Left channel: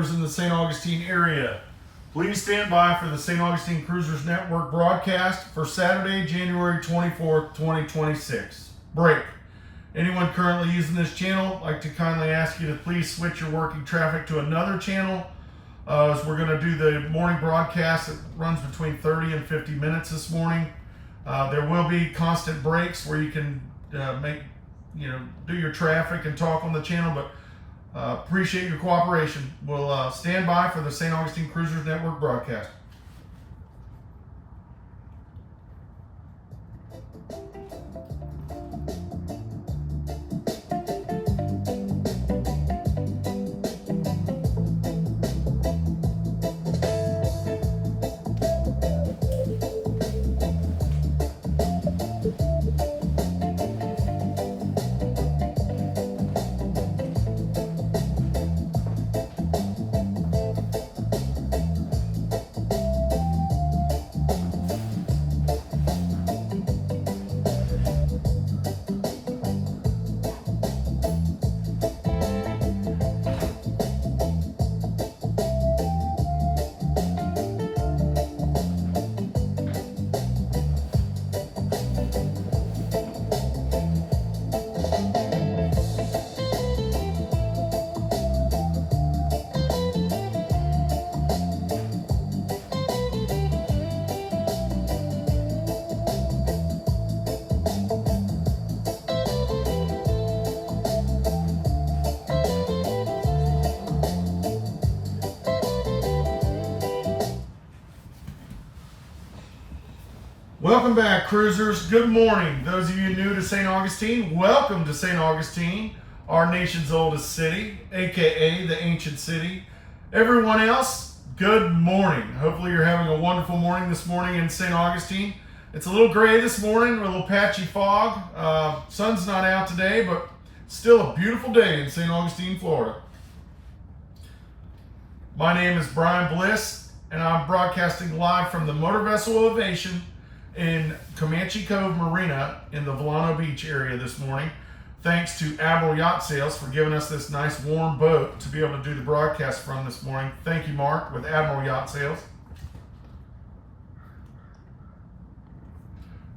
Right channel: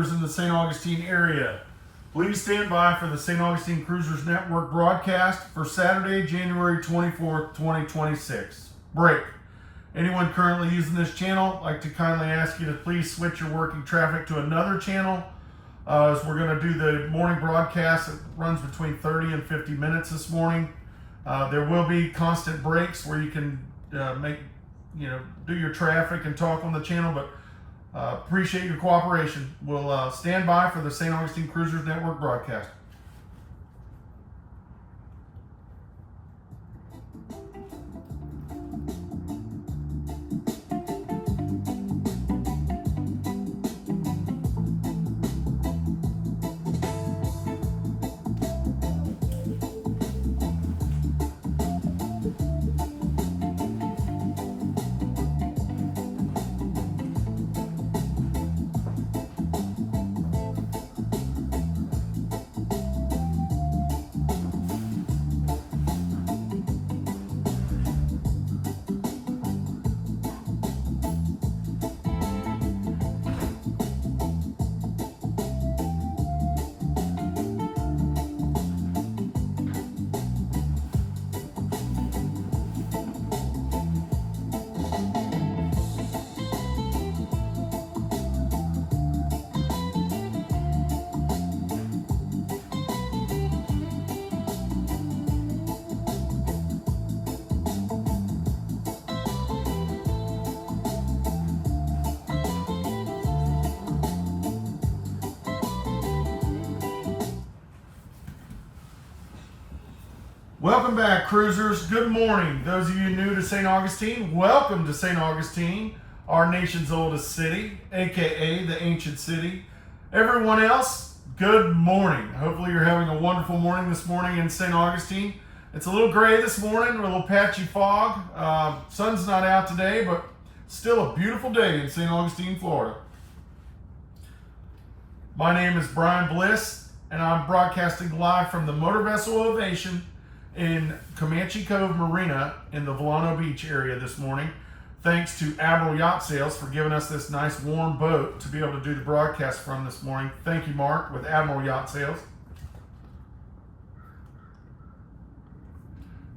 boaters in the St. Augustine area. Please stand by for the St. Augustine Cruisers Network broadcast for Saturday, January 24th, 2026. Break. Anyone currently using this channel, I'd like to kindly ask you to please switch your working traffic to another channel, as we're going to do the morning broadcast that runs between 30 and 50 minutes this morning. There will be constant breaks where you can do your traffic and talk on the channel, but appreciate your cooperation. We'll stand by for the St. Augustine Cruisers Network broadcast. Welcome back, cruisers. Good morning. Those of you new to St. Augustine, welcome to St. Augustine, our nation's oldest city, aka the ancient city. Everyone else, good morning. Hopefully you're having a wonderful morning this morning in St. Augustine. It's a little gray this morning, a little patchy fog. Sun's not out today, but still a beautiful day in St. Augustine, Florida. My name is Brian Bliss, and I'm broadcasting live from the Motor Vessel Ovation in Comanche Cove Marina in the Volano Beach area this morning. Thanks to Admiral Yacht Sales for giving us this nice warm boat to be able to do the broadcast from this morning. Thank you, Mark, with Admiral Yacht Sales.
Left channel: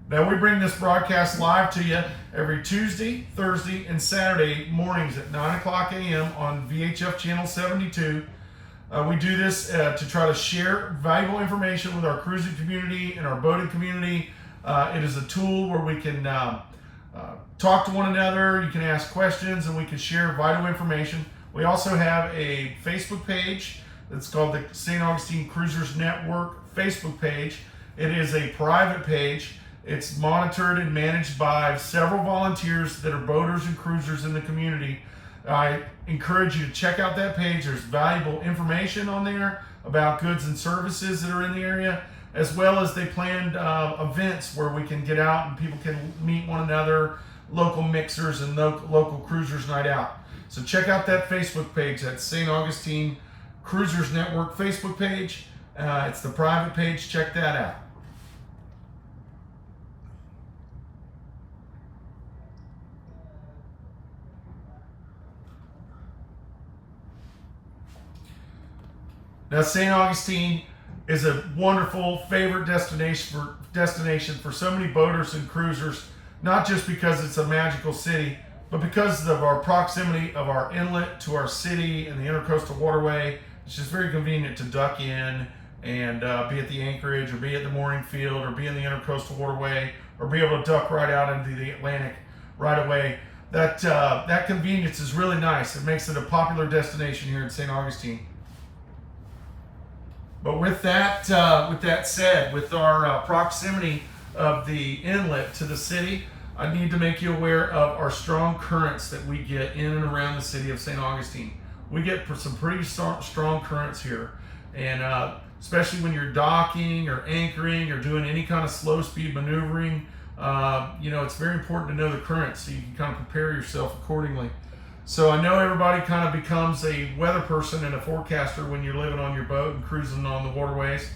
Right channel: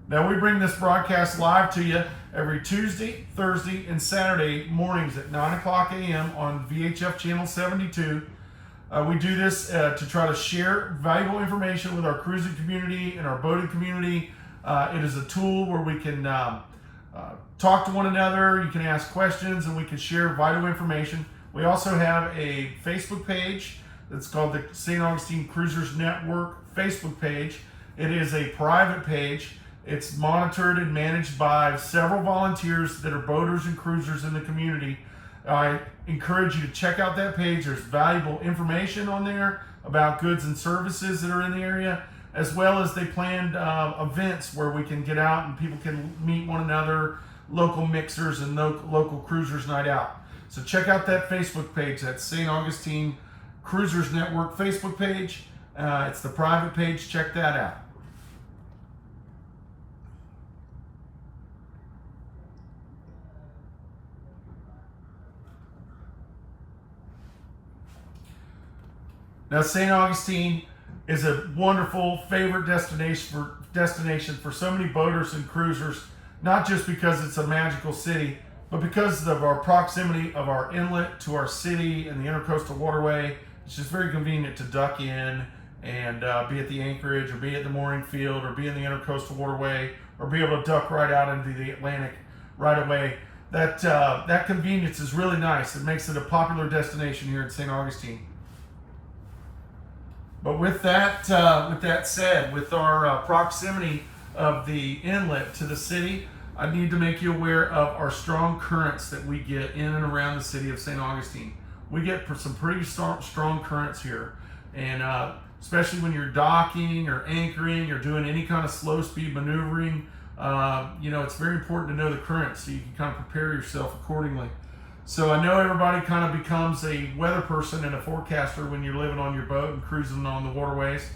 Now, we bring this broadcast live to you every Tuesday, Thursday, and Saturday mornings at 9 o'clock a.m. on VHF Channel 72. We do this to try to share valuable information with our cruising community and our boating community. It is a tool where we can talk to one another, you can ask questions, and we can share vital information. We also have a Facebook page that's called the St. Augustine Cruisers Network Facebook page. It is a private page. It's monitored and managed by several volunteers that are boaters and cruisers in the community. I encourage you to check out that page. There's valuable information on there about goods and services that are in the area, as well as they planned events where we can get out and people can meet one another, local mixers and local cruisers night out. So check out that Facebook page. That's St. Augustine Cruisers Network Facebook page. It's the private page. Check that out. Now, St. Augustine is a wonderful favorite destination for so many boaters and cruisers, not just because it's a magical city, but because of our proximity of our inlet to our city and the intercoastal waterway. It's just very convenient to duck in and be at the anchorage, or be at the mooring field, or be in the intercoastal waterway, or be able to duck right out into the Atlantic right away. That convenience is really nice. It makes it a popular destination here in St. Augustine. But with that said, with our proximity of the inlet to the city, I need to make you aware of our strong currents that we get in and around the city of St. Augustine. We get some pretty strong currents here, and especially when you're docking or anchoring or doing any kind of slow speed maneuvering, it's very important to know the currents so you can kind of prepare yourself accordingly. So I know everybody kind of becomes a weather person and a forecaster when you're living on your boat and cruising on the waterways,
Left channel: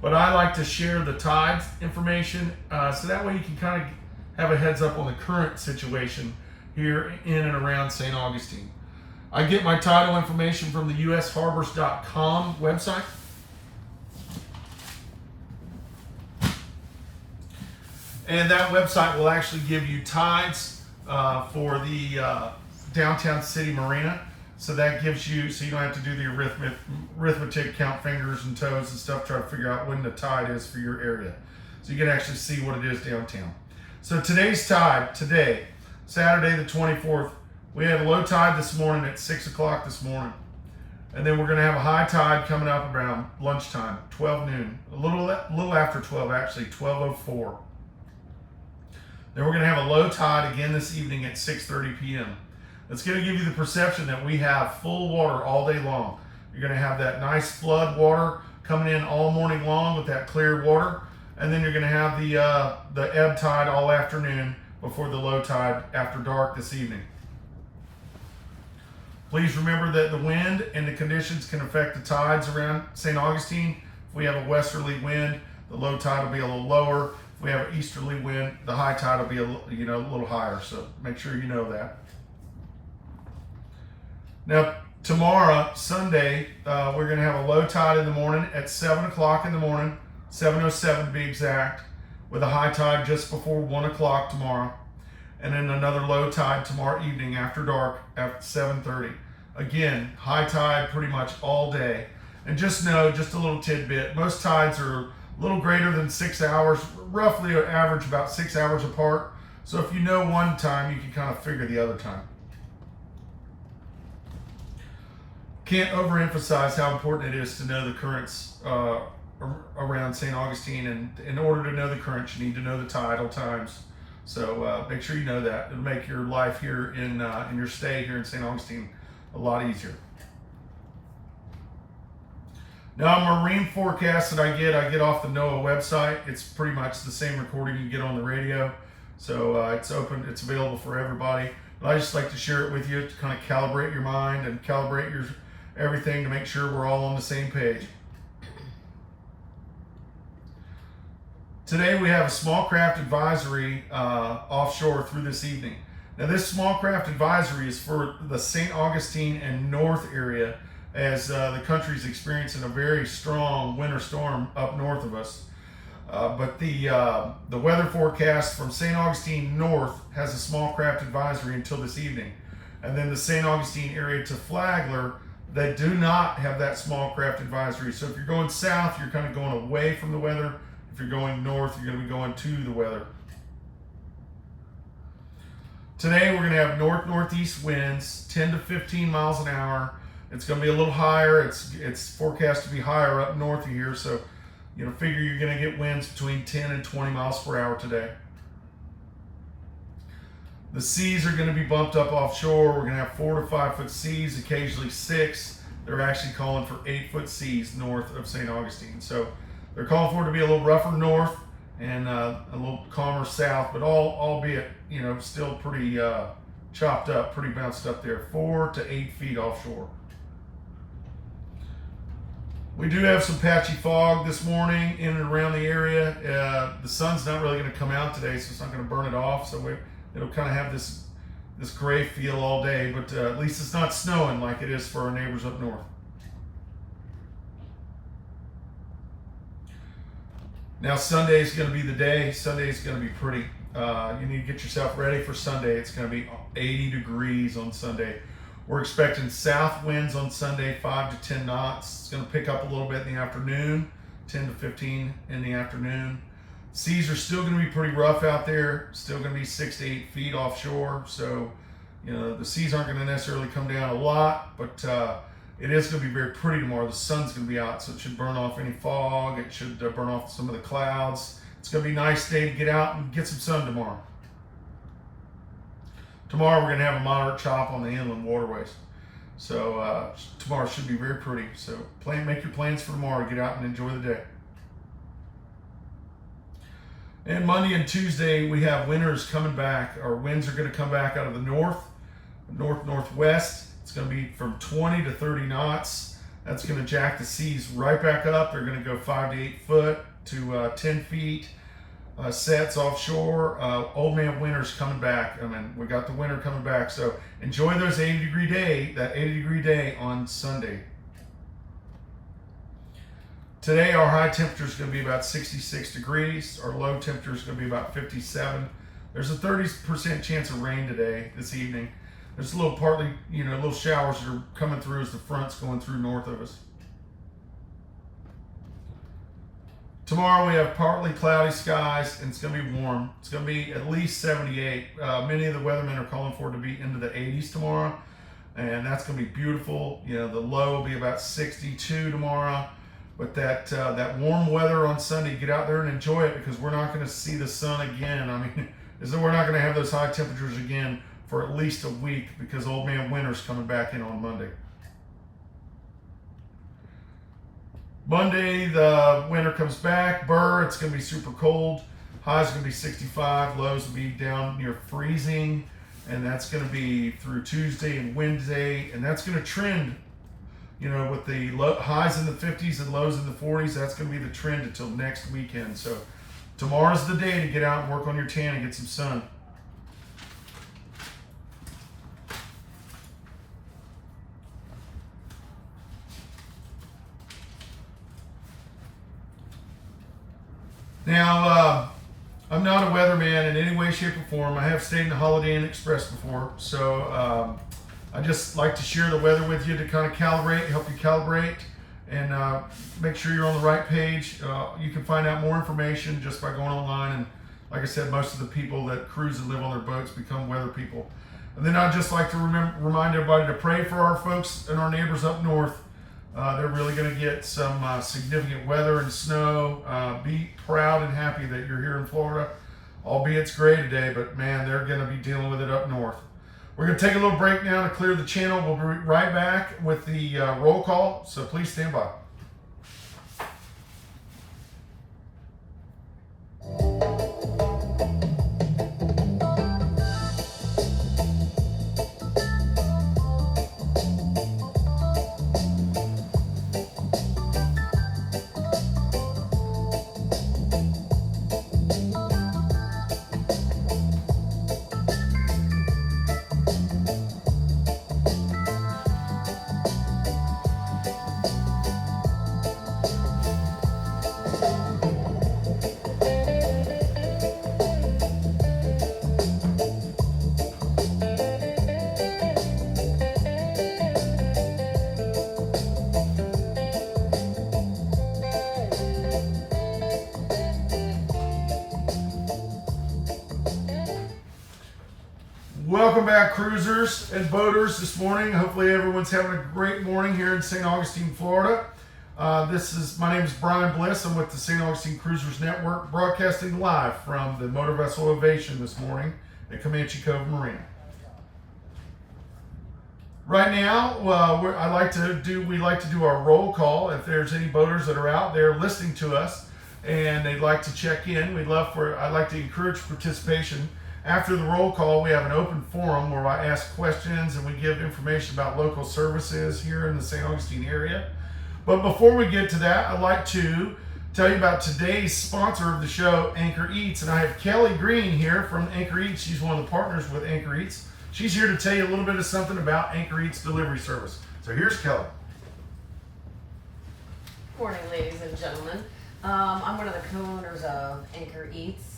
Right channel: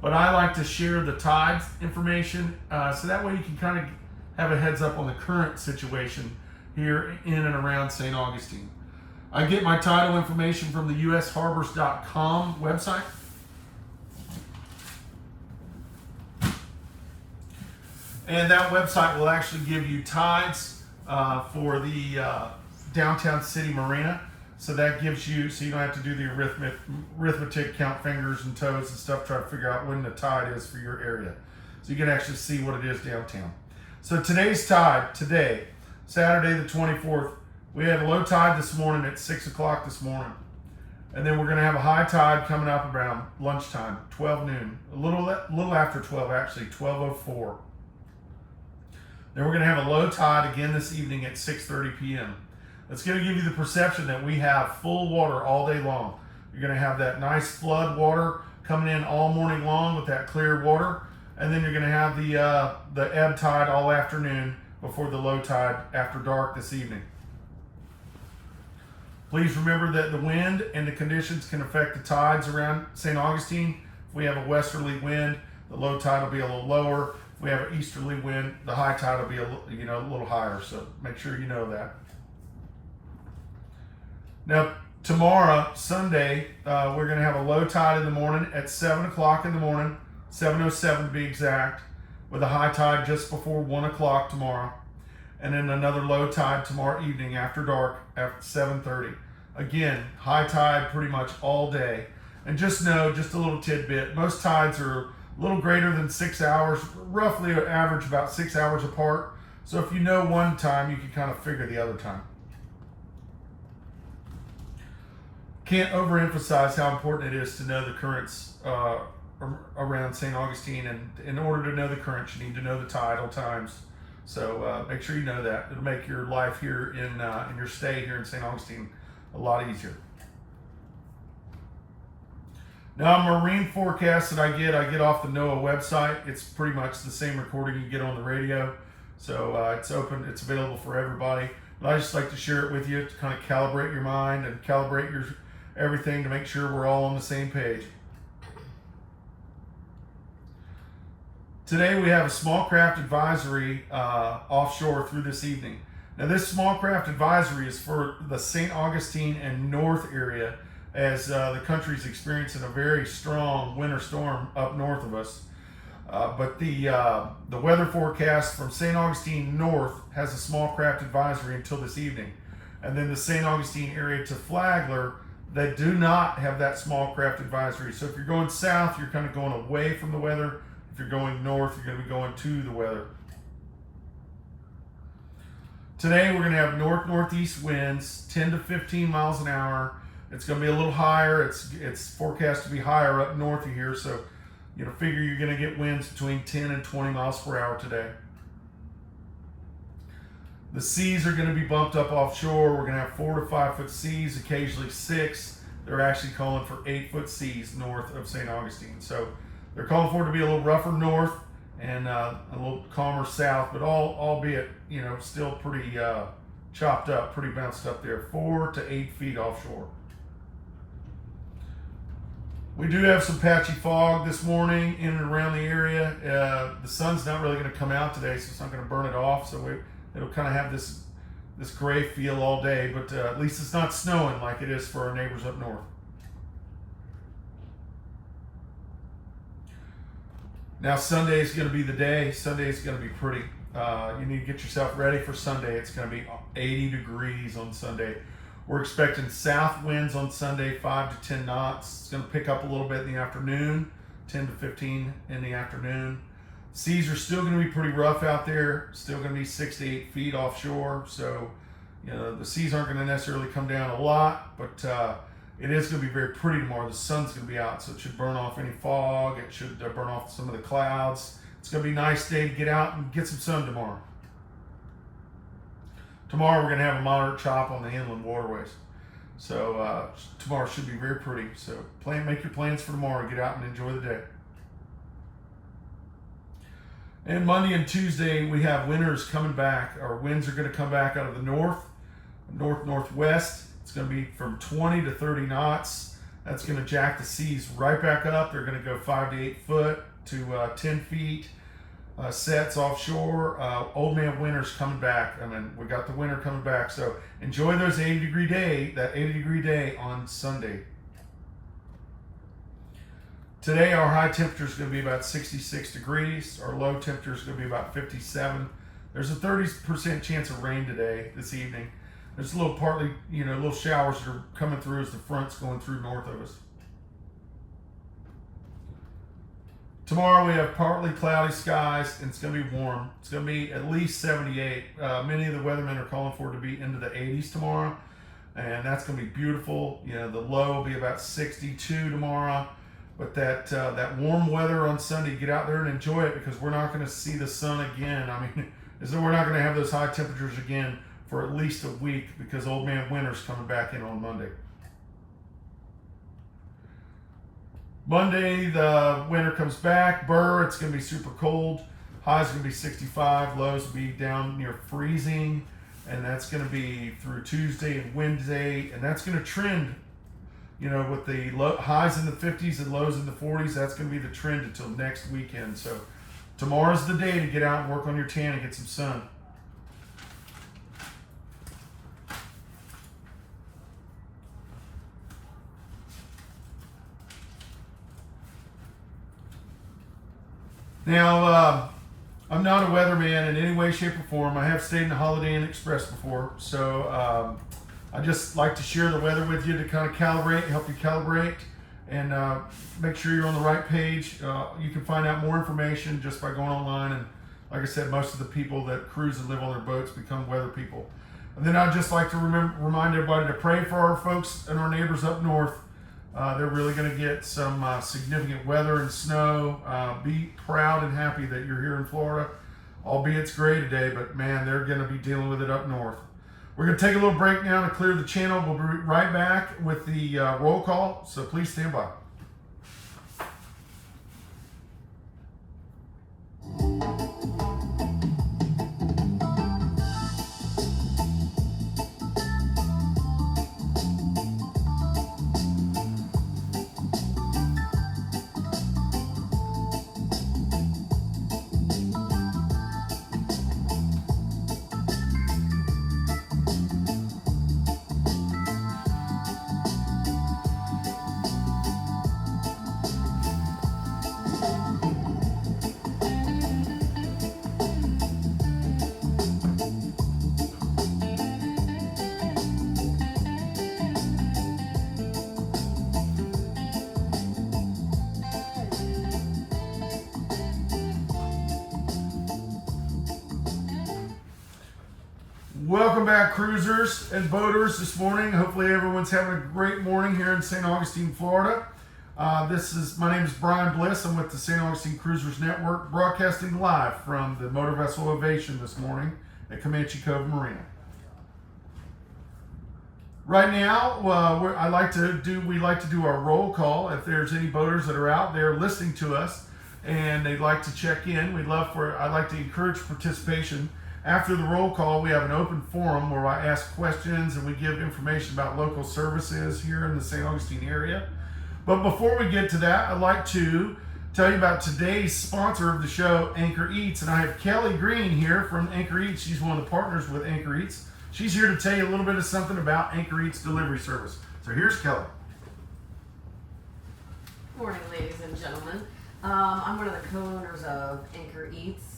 but I like to share the tides information so that way you can kind of have a heads up on the current situation here in and around St. Augustine. I get my tidal information from the usharbors.com website. And that website will actually give you tides for the downtown city marina. So that gives you, so you don't have to do the arithmetic, count fingers and toes and stuff, try to figure out when the tide is for your area. So you can actually see what it is downtown. So today's tide, today, Saturday the 24th, we had a low tide this morning at 6 o'clock this morning. And then we're going to have a high tide coming up around lunchtime, 12 noon, a little after 12 actually, 12:04. Then we're going to have a low tide again this evening at 6:30 p.m. It's going to give you the perception that we have full water all day long. You're going to have that nice flood water coming in all morning long with that clear water. And then you're going to have the ebb tide all afternoon before the low tide after dark this evening. Please remember that the wind and the conditions can affect the tides around St. Augustine. If we have a westerly wind, the low tide will be a little lower. If we have an easterly wind, the high tide will be a little higher. So make sure you know that. Now, tomorrow, Sunday, we're going to have a low tide in the morning at 7 o'clock in the morning, 7:07 to be exact, with a high tide just before 1 o'clock tomorrow. And then another low tide tomorrow evening after dark at 7:30. Again, high tide pretty much all day. And just know, just a little tidbit, most tides are a little greater than 6 hours, roughly average about 6 hours apart. So if you know one time, you can kind of figure the other time. Can't overemphasize how important it is to know the currents around St. Augustine, and in order to know the currents, you need to know the tidal times. So make sure you know that. It'll make your life here in your stay here in St. Augustine a lot easier. Now, marine forecast that I get off the NOAA website. It's pretty much the same recording you get on the radio. So it's open, it's available for everybody. But I just like to share it with you to kind of calibrate your mind and calibrate your everything to make sure we're all on the same page. Today we have a small craft advisory offshore through this evening. Now this small craft advisory is for the St. Augustine and north area, as the country's experiencing a very strong winter storm up north of us. But the weather forecast from St. Augustine north has a small craft advisory until this evening. And then the St. Augustine area to Flagler, they do not have that small craft advisory. So if you're going south, you're kind of going away from the weather. If you're going north, you're going to be going to the weather. Today we're going to have north-northeast winds, 10 to 15 miles an hour. It's going to be a little higher. It's forecast to be higher up north of here. So, figure you're going to get winds between 10 and 20 miles per hour today. The seas are going to be bumped up offshore. We're going to have 4 to 5 foot seas, occasionally 6. They're actually calling for 8 foot seas north of St. Augustine. So they're calling for it to be a little rougher north and a little calmer south, but albeit, still pretty chopped up, pretty bounced up there, 4 to 8 feet offshore. We do have some patchy fog this morning in and around the area. The sun's not really going to come out today, so it's not going to burn it off. So it'll kind of have this gray feel all day, but at least it's not snowing like it is for our neighbors up north. Now Sunday is going to be the day. Sunday is going to be pretty. You need to get yourself ready for Sunday. It's going to be 80 degrees on Sunday. We're expecting south winds on Sunday, 5 to 10 knots. It's going to pick up a little bit in the afternoon, 10 to 15 in the afternoon. Seas are still going to be pretty rough out there, still going to be 6 to 8 feet offshore. So, the seas aren't going to necessarily come down a lot, but it is going to be very pretty tomorrow. The sun's going to be out, so it should burn off any fog. It should burn off some of the clouds. It's going to be a nice day to get out and get some sun tomorrow. Tomorrow we're going to have a moderate chop on the inland waterways. So tomorrow should be very pretty. So make your plans for tomorrow. Get out and enjoy the day. And Monday and Tuesday we have winters coming back. Our winds are going to come back out of the northwest. It's going to be from 20 to 30 knots. That's going to jack the seas right back up. They're going to go 5 to 8 foot to 10 feet. sets offshore. Old man winter's coming back. I mean, we got the winter coming back. So enjoy those 80-degree day, that 80-degree day on Sunday. Today, our high temperature is going to be about 66 degrees. Our low temperature is going to be about 57. There's a 30% chance of rain today, this evening. There's a little little showers that are coming through as the front's going through north of us. Tomorrow we have partly cloudy skies and it's going to be warm. It's going to be at least 78. Many of the weathermen are calling for it to be into the 80s tomorrow, and that's going to be beautiful. The low will be about 62 tomorrow. But that warm weather on Sunday, get out there and enjoy it, because we're not going to see the sun again. I mean, we're not going to have those high temperatures again for at least a week, because old man winter's coming back in on Monday. Monday, the winter comes back. It's going to be super cold. Highs are going to be 65. Lows will be down near freezing. And that's going to be through Tuesday and Wednesday. And that's going to trend, with the highs in the 50s and lows in the 40s. That's going to be the trend until next weekend. So tomorrow's the day to get out and work on your tan and get some sun. Now, I'm not a weatherman in any way, shape, or form. I have stayed in the Holiday Inn Express before, so I just like to share the weather with you to kind of help you calibrate, and make sure you're on the right page. You can find out more information just by going online, and like I said, most of the people that cruise and live on their boats become weather people. And then I'd just like to remind everybody to pray for our folks and our neighbors up north. They're really going to get some significant weather and snow. Be proud and happy that you're here in Florida, albeit it's gray today, but man, they're going to be dealing with it up north. We're going to take a little break now to clear the channel. We'll be right back with the roll call, so please stand by. Welcome back, cruisers and boaters, this morning. Hopefully everyone's having a great morning here in St. Augustine, Florida. My name is Brian Bliss. I'm with the St. Augustine Cruisers Network, broadcasting live from the Motor Vessel Ovation this morning at Comanche Cove Marina. Right now, we like to do our roll call. If there's any boaters that are out there listening to us and they'd like to check in, I'd like to encourage participation. After the roll call, we have an open forum where I ask questions and we give information about local services here in the St. Augustine area. But before we get to that, I'd like to tell you about today's sponsor of the show, Anchor Eats. And I have Kelly Green here from Anchor Eats. She's one of the partners with Anchor Eats. She's here to tell you a little bit of something about Anchor Eats delivery service. So here's Kelly. Morning, ladies and gentlemen. I'm one of the co-owners of Anchor Eats.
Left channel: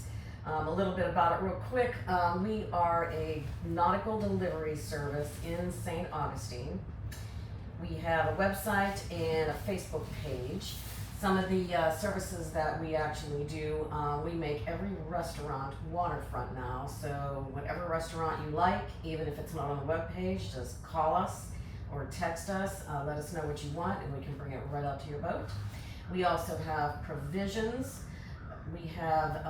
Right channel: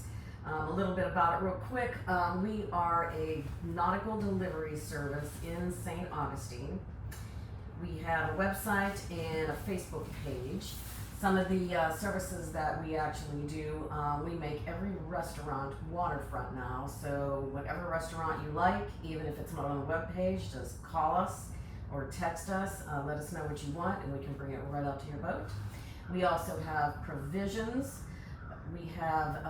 A little bit about it real quick. We are a nautical delivery service in St. Augustine. We have a website and a Facebook page. Some of the services that we actually do, we make every restaurant waterfront now. So whatever restaurant you like, even if it's not on the web page, just call us or text us. Let us know what you want and we can bring it right out to your boat. We also have provisions. We have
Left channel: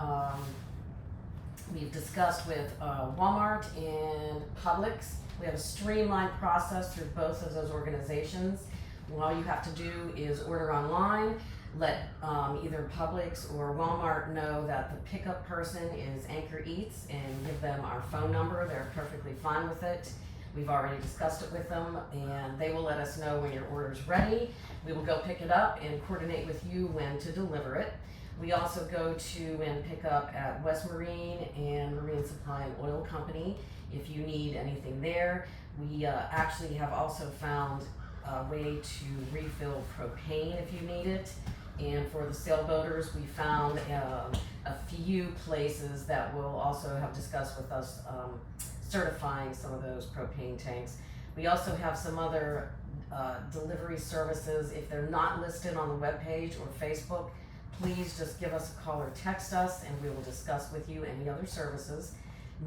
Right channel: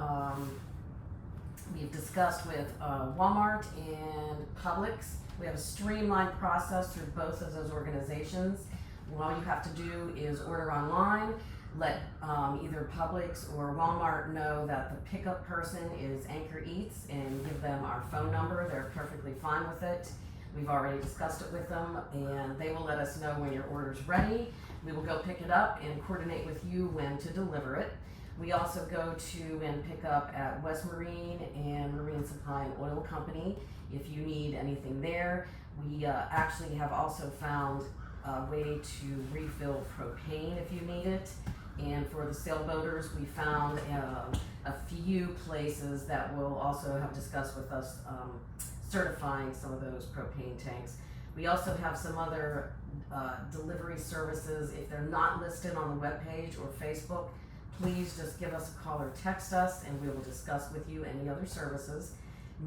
we've discussed with Walmart and Publix. We have a streamlined process through both of those organizations. All you have to do is order online, let either Publix or Walmart know that the pickup person is Anchor Eats, and give them our phone number. They're perfectly fine with it. We've already discussed it with them, and they will let us know when your order's ready. We will go pick it up and coordinate with you when to deliver it. We also go to and pick up at West Marine and Marine Supply and Oil Company if you need anything there. We actually have also found a way to refill propane if you need it. And for the sailboaters, we found a few places that will also have discussed with us certifying some of those propane tanks. We also have some other delivery services. If they're not listed on the webpage or Facebook, please just give us a call or text us and we will discuss with you any other services.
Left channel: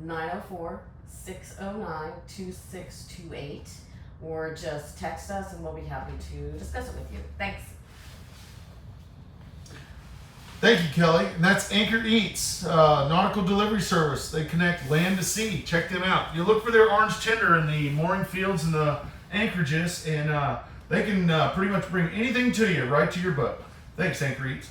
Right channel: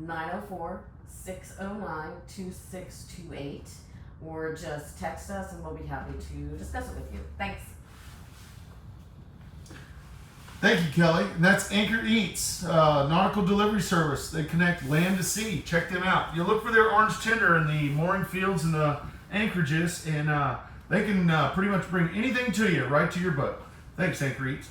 904-609-2628, or just text us and we'll be happy to discuss it with you. Thanks. Thank you, Kelly. And that's Anchor Eats, nautical delivery service. They connect land to sea. Check them out. You look for their orange tender in the mooring fields and the anchorages, and they can pretty much bring anything to you right to your boat. Thanks, Anchor Eats.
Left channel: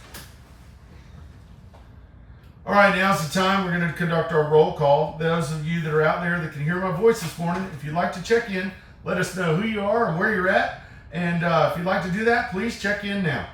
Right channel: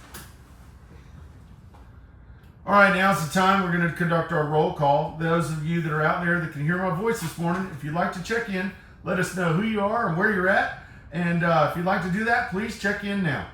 All right, now's the time we're going to conduct our roll call. Those of you that are out there that can hear my voice this morning, if you'd like to check in, let us know who you are and where you're at. And if you'd like to do that, please check in now.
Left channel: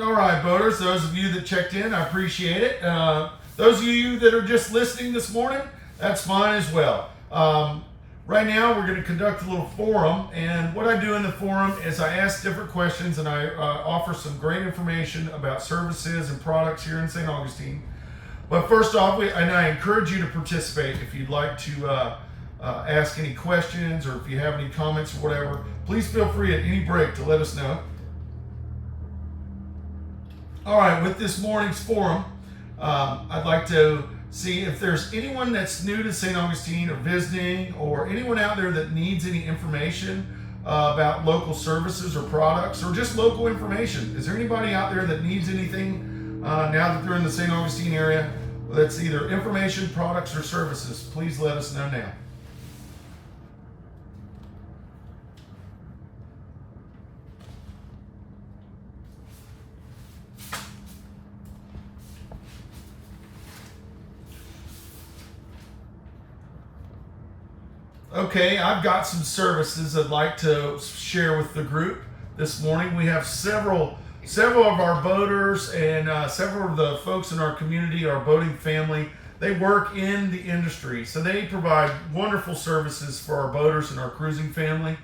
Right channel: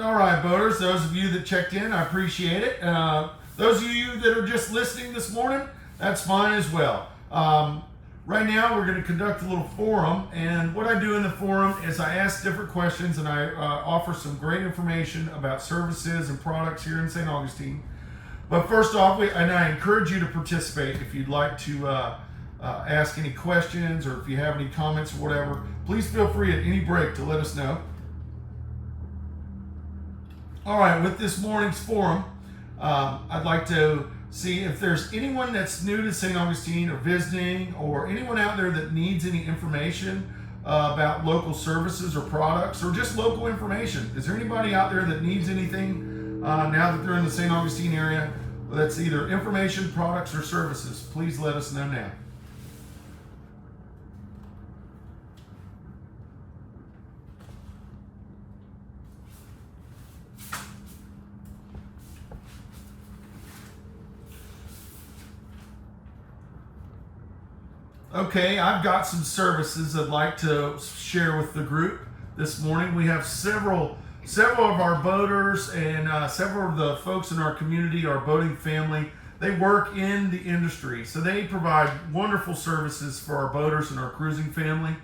All right, boaters, those of you that checked in, I appreciate it. Those of you that are just listening this morning, that's fine as well. Right now, we're going to conduct a little forum, and what I do in the forum is I ask different questions and I offer some great information about services and products here in St. Augustine. But first off, and I encourage you to participate if you'd like to ask any questions or if you have any comments or whatever. Please feel free at any break to let us know. All right, with this morning's forum, I'd like to see if there's anyone that's new to St. Augustine or visiting, or anyone out there that needs any information about local services or products, or just local information. Is there anybody out there that needs anything now that they're in the St. Augustine area that's either information, products, or services? Please let us know now. Okay, I've got some services I'd like to share with the group this morning. We have several of our boaters and several of the folks in our community, our boating family. They work in the industry, so they provide wonderful services for our boaters and our cruising family.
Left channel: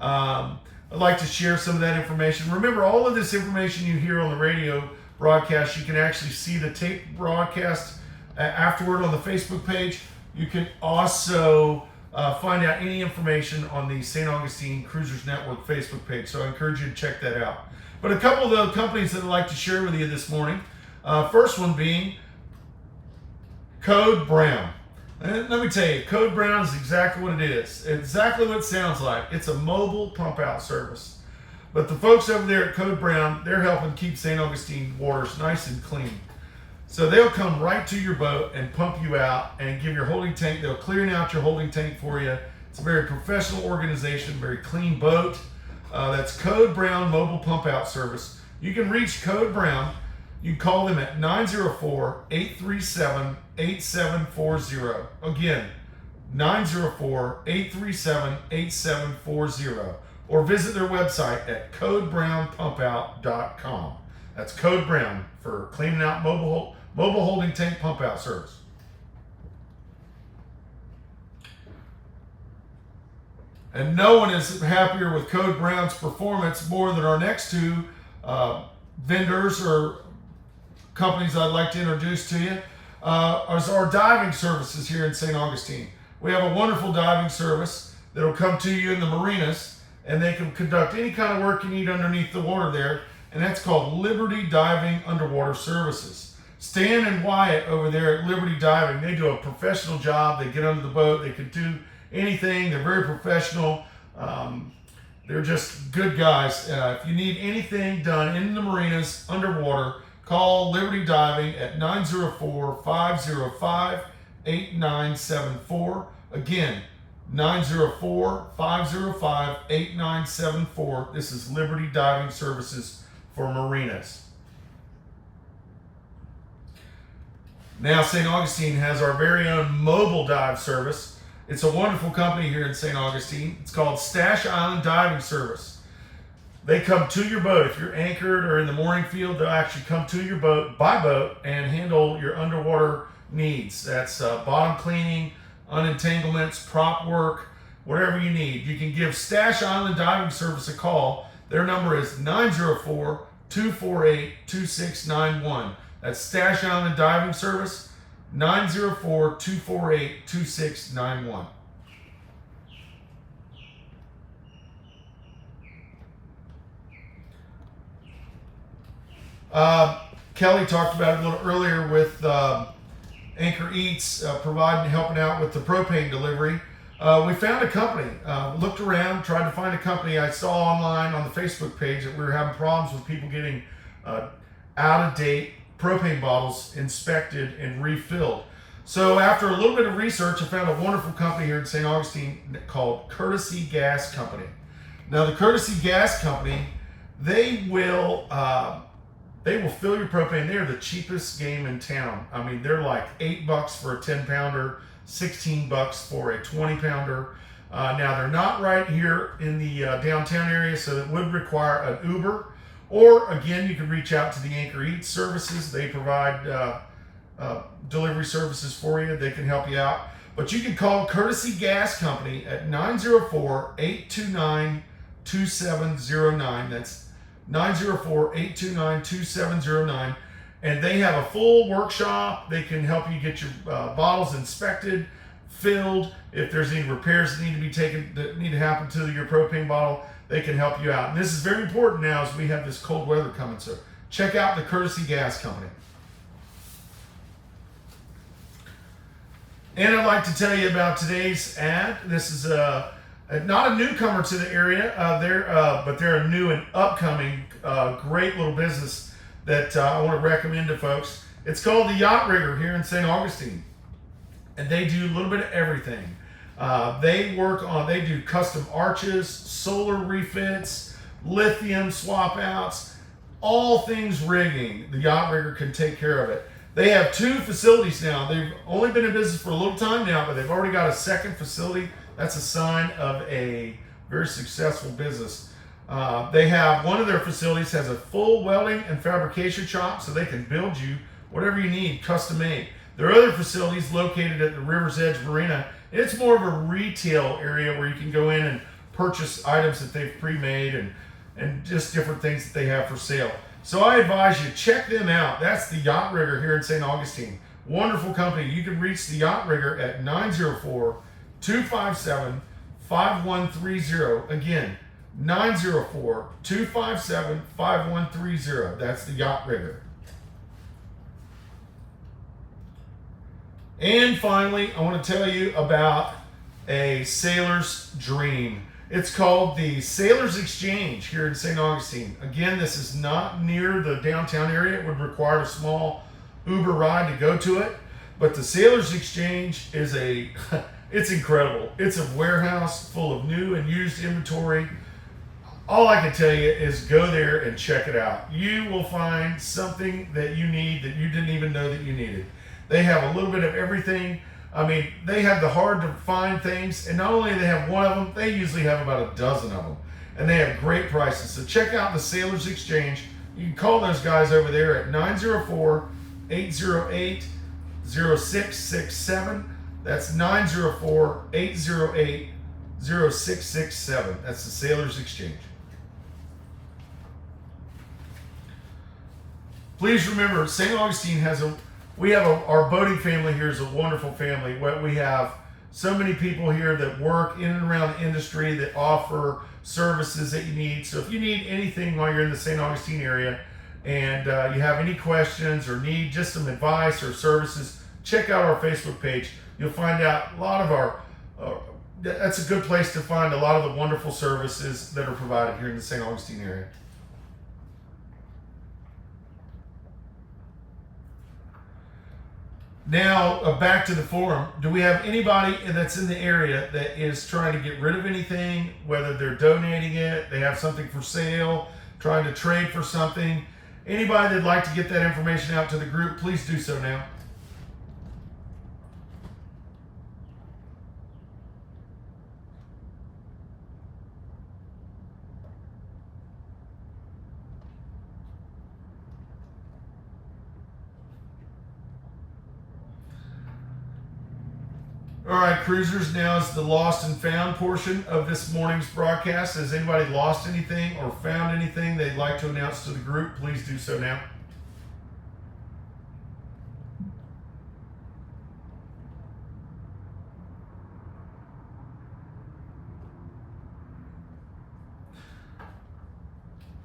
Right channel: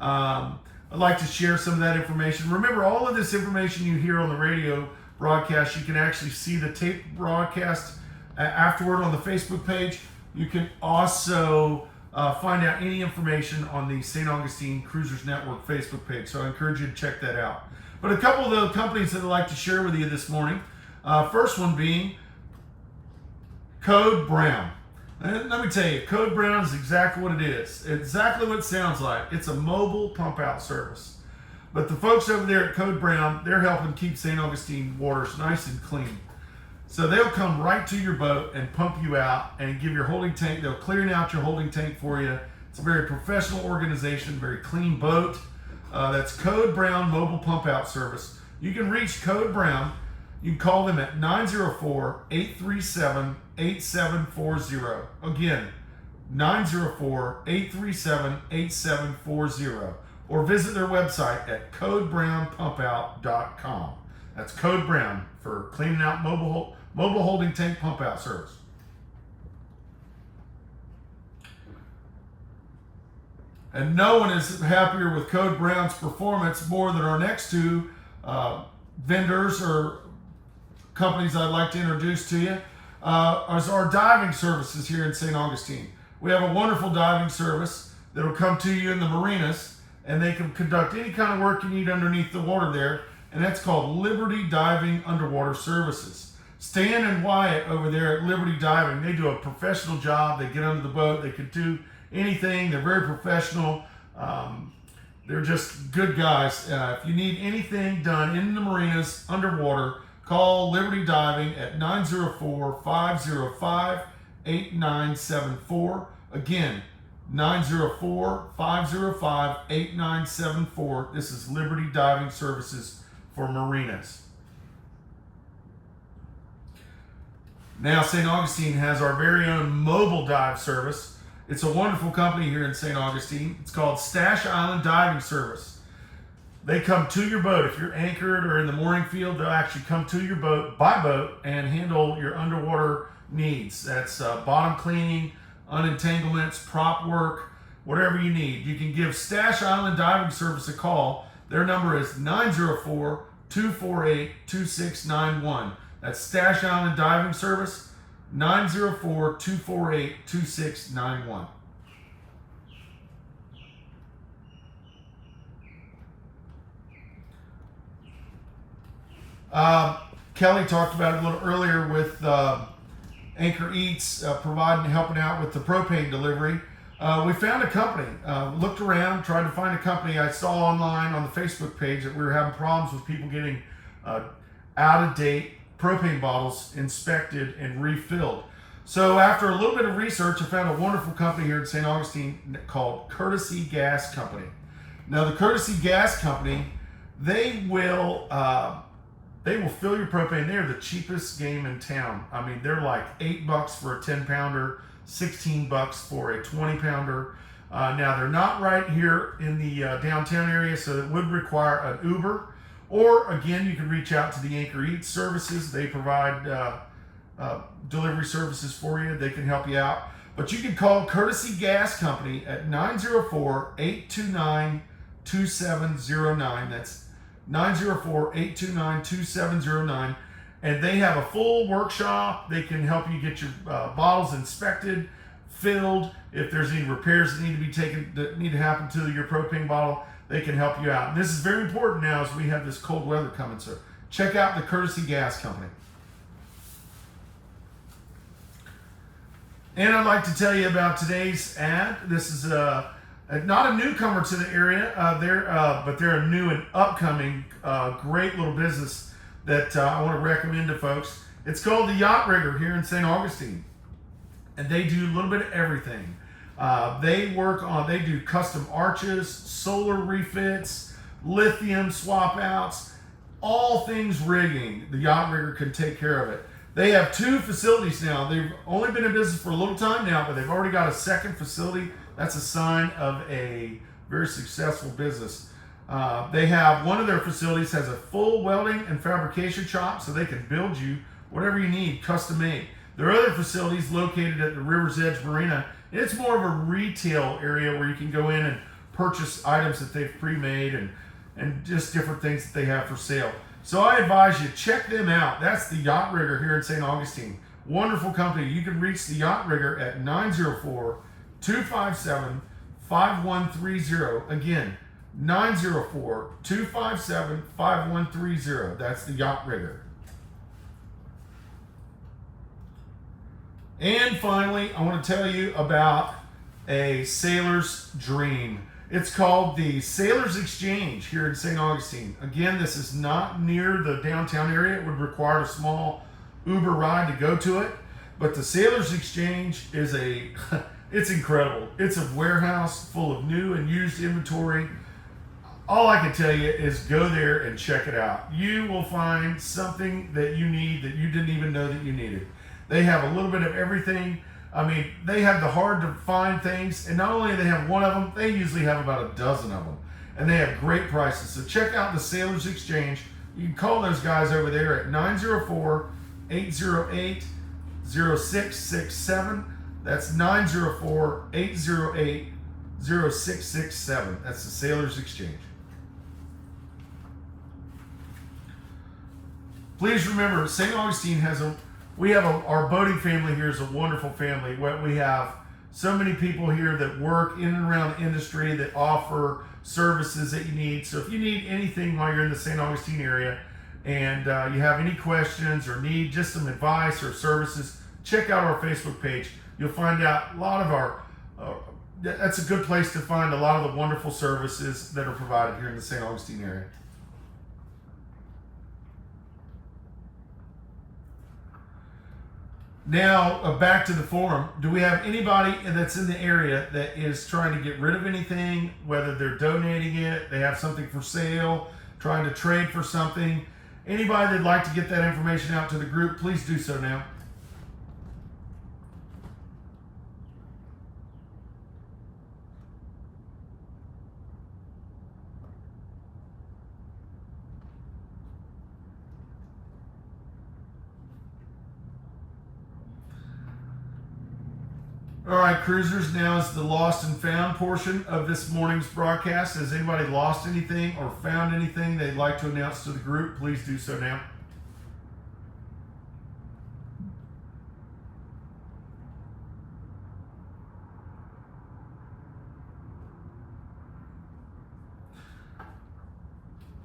I'd like to share some of that information. Remember, all of this information you hear on the radio broadcast, you can actually see the tape broadcast afterward on the Facebook page. You can also find out any information on the St. Augustine Cruisers Network Facebook page, so I encourage you to check that out. But a couple of the companies that I'd like to share with you this morning, first one being Code Brown. And let me tell you, Code Brown is exactly what it is. Exactly what it sounds like. It's a mobile pump out service. But the folks over there at Code Brown, they're helping keep St. Augustine waters nice and clean. So they'll come right to your boat and pump you out and give your holding tank. They'll clear out your holding tank for you. It's a very professional organization, very clean boat. That's Code Brown Mobile Pump Out Service. You can reach Code Brown. You can call them at 904-837-8740. Again, 904-837-8740. Or visit their website at codebrownpumpout.com. That's Code Brown for cleaning out mobile holding tank pump out service. And no one is happier with Code Brown's performance more than our next two vendors or companies I'd like to introduce to you. Is our diving services here in St. Augustine. We have a wonderful diving service that will come to you in the marinas, and they can conduct any kind of work you need underneath the water there. and that's called Liberty Diving Underwater Services. Stan and Wyatt over there at Liberty Diving, they do a professional job. They get under the boat. They can do anything. They're very professional. They're just good guys. If you need anything done in the marinas underwater, call Liberty Diving at 904-505-8974. Again, 904-505-8974. This is Liberty Diving Services for marinas. Now, St. Augustine has our very own mobile dive service. It's a wonderful company here in St. Augustine. It's called Stash Island Diving Service. They come to your boat. If you're anchored or in the mooring field, they'll actually come to your boat by boat and handle your underwater needs. That's bottom cleaning, unentanglements, prop work, whatever you need. You can give Stash Island Diving Service a call. Their number is 904-248-2691. That's Stash Island Diving Service, 904-248-2691. Kelly talked about it a little earlier with Anchor Eats helping out with the propane delivery. We found a company, looked around, tried to find a company. I saw online on the Facebook page that we were having problems with people getting out-of-date propane bottles inspected and refilled. So after a little bit of research, I found a wonderful company here in St. Augustine called Courtesy Gas Company. Now, the Courtesy Gas Company, they will fill your propane. They are the cheapest game in town. I mean, they're like $8 for a 10-pounder, $16 for a 20-pounder. Now, they're not right here in the downtown area, so it would require an Uber. Or, again, you can reach out to the Anchor Eats services. They provide delivery services for you. They can help you out. But you can call Courtesy Gas Company at 904-829-2709. That's 904-829-2709. And they have a full workshop. They can help you get your bottles inspected, filled. If there's any repairs that need to happen to your propane bottle, they can help you out. And this is very important now as we have this cold weather coming. So check out the Courtesy Gas Company. And I'd like to tell you about today's ad. This is not a newcomer to the area, but they're a new and upcoming great little business that I want to recommend to folks. It's called the Yacht Rigger here in St. Augustine. And they do a little bit of everything. They do custom arches, solar refits, lithium swap outs, all things rigging. The Yacht Rigger can take care of it. They have 2 facilities now. They've only been in business for a little time now, but they've already got a second facility. That's a sign of a very successful business. They have one of their facilities has a full welding and fabrication shop, so they can build you whatever you need, custom made. Their other facility is located at the River's Edge Marina. It's more of a retail area where you can go in and purchase items that they've pre-made and just different things that they have for sale. So I advise you, check them out. That's the Yacht Rigger here in St. Augustine. Wonderful company. You can reach the Yacht Rigger at 904-257-5130. Again, 904-257-5130. That's the Yacht Rigger. And finally, I want to tell you about a sailor's dream. It's called the Sailor's Exchange here in St. Augustine. Again, this is not near the downtown area. It would require a small Uber ride to go to it. But the Sailor's Exchange is it's incredible. It's a warehouse full of new and used inventory. All I can tell you is go there and check it out. You will find something that you need that you didn't even know that you needed. They have a little bit of everything. I mean, they have the hard to find things, and not only do they have one of them, they usually have about a dozen of them. And they have great prices. So check out the Sailor's Exchange. You can call those guys over there at 904-808-0667. That's 904-808-0667. That's the Sailor's Exchange. Please remember, St. Augustine our boating family here is a wonderful family. We have so many people here that work in and around the industry that offer services that you need. So if you need anything while you're in the St. Augustine area and you have any questions or need just some advice or services, check out our Facebook page. You'll find out a lot of our, that's a good place to find a lot of the wonderful services that are provided here in the St. Augustine area. Now, back to the forum. Do we have anybody that's in the area that is trying to get rid of anything, whether they're donating it, they have something for sale, trying to trade for something? Anybody that'd like to get that information out to the group, please do so now. All right, cruisers, now is the lost and found portion of this morning's broadcast. Has anybody lost anything or found anything they'd like to announce to the group? Please do so now.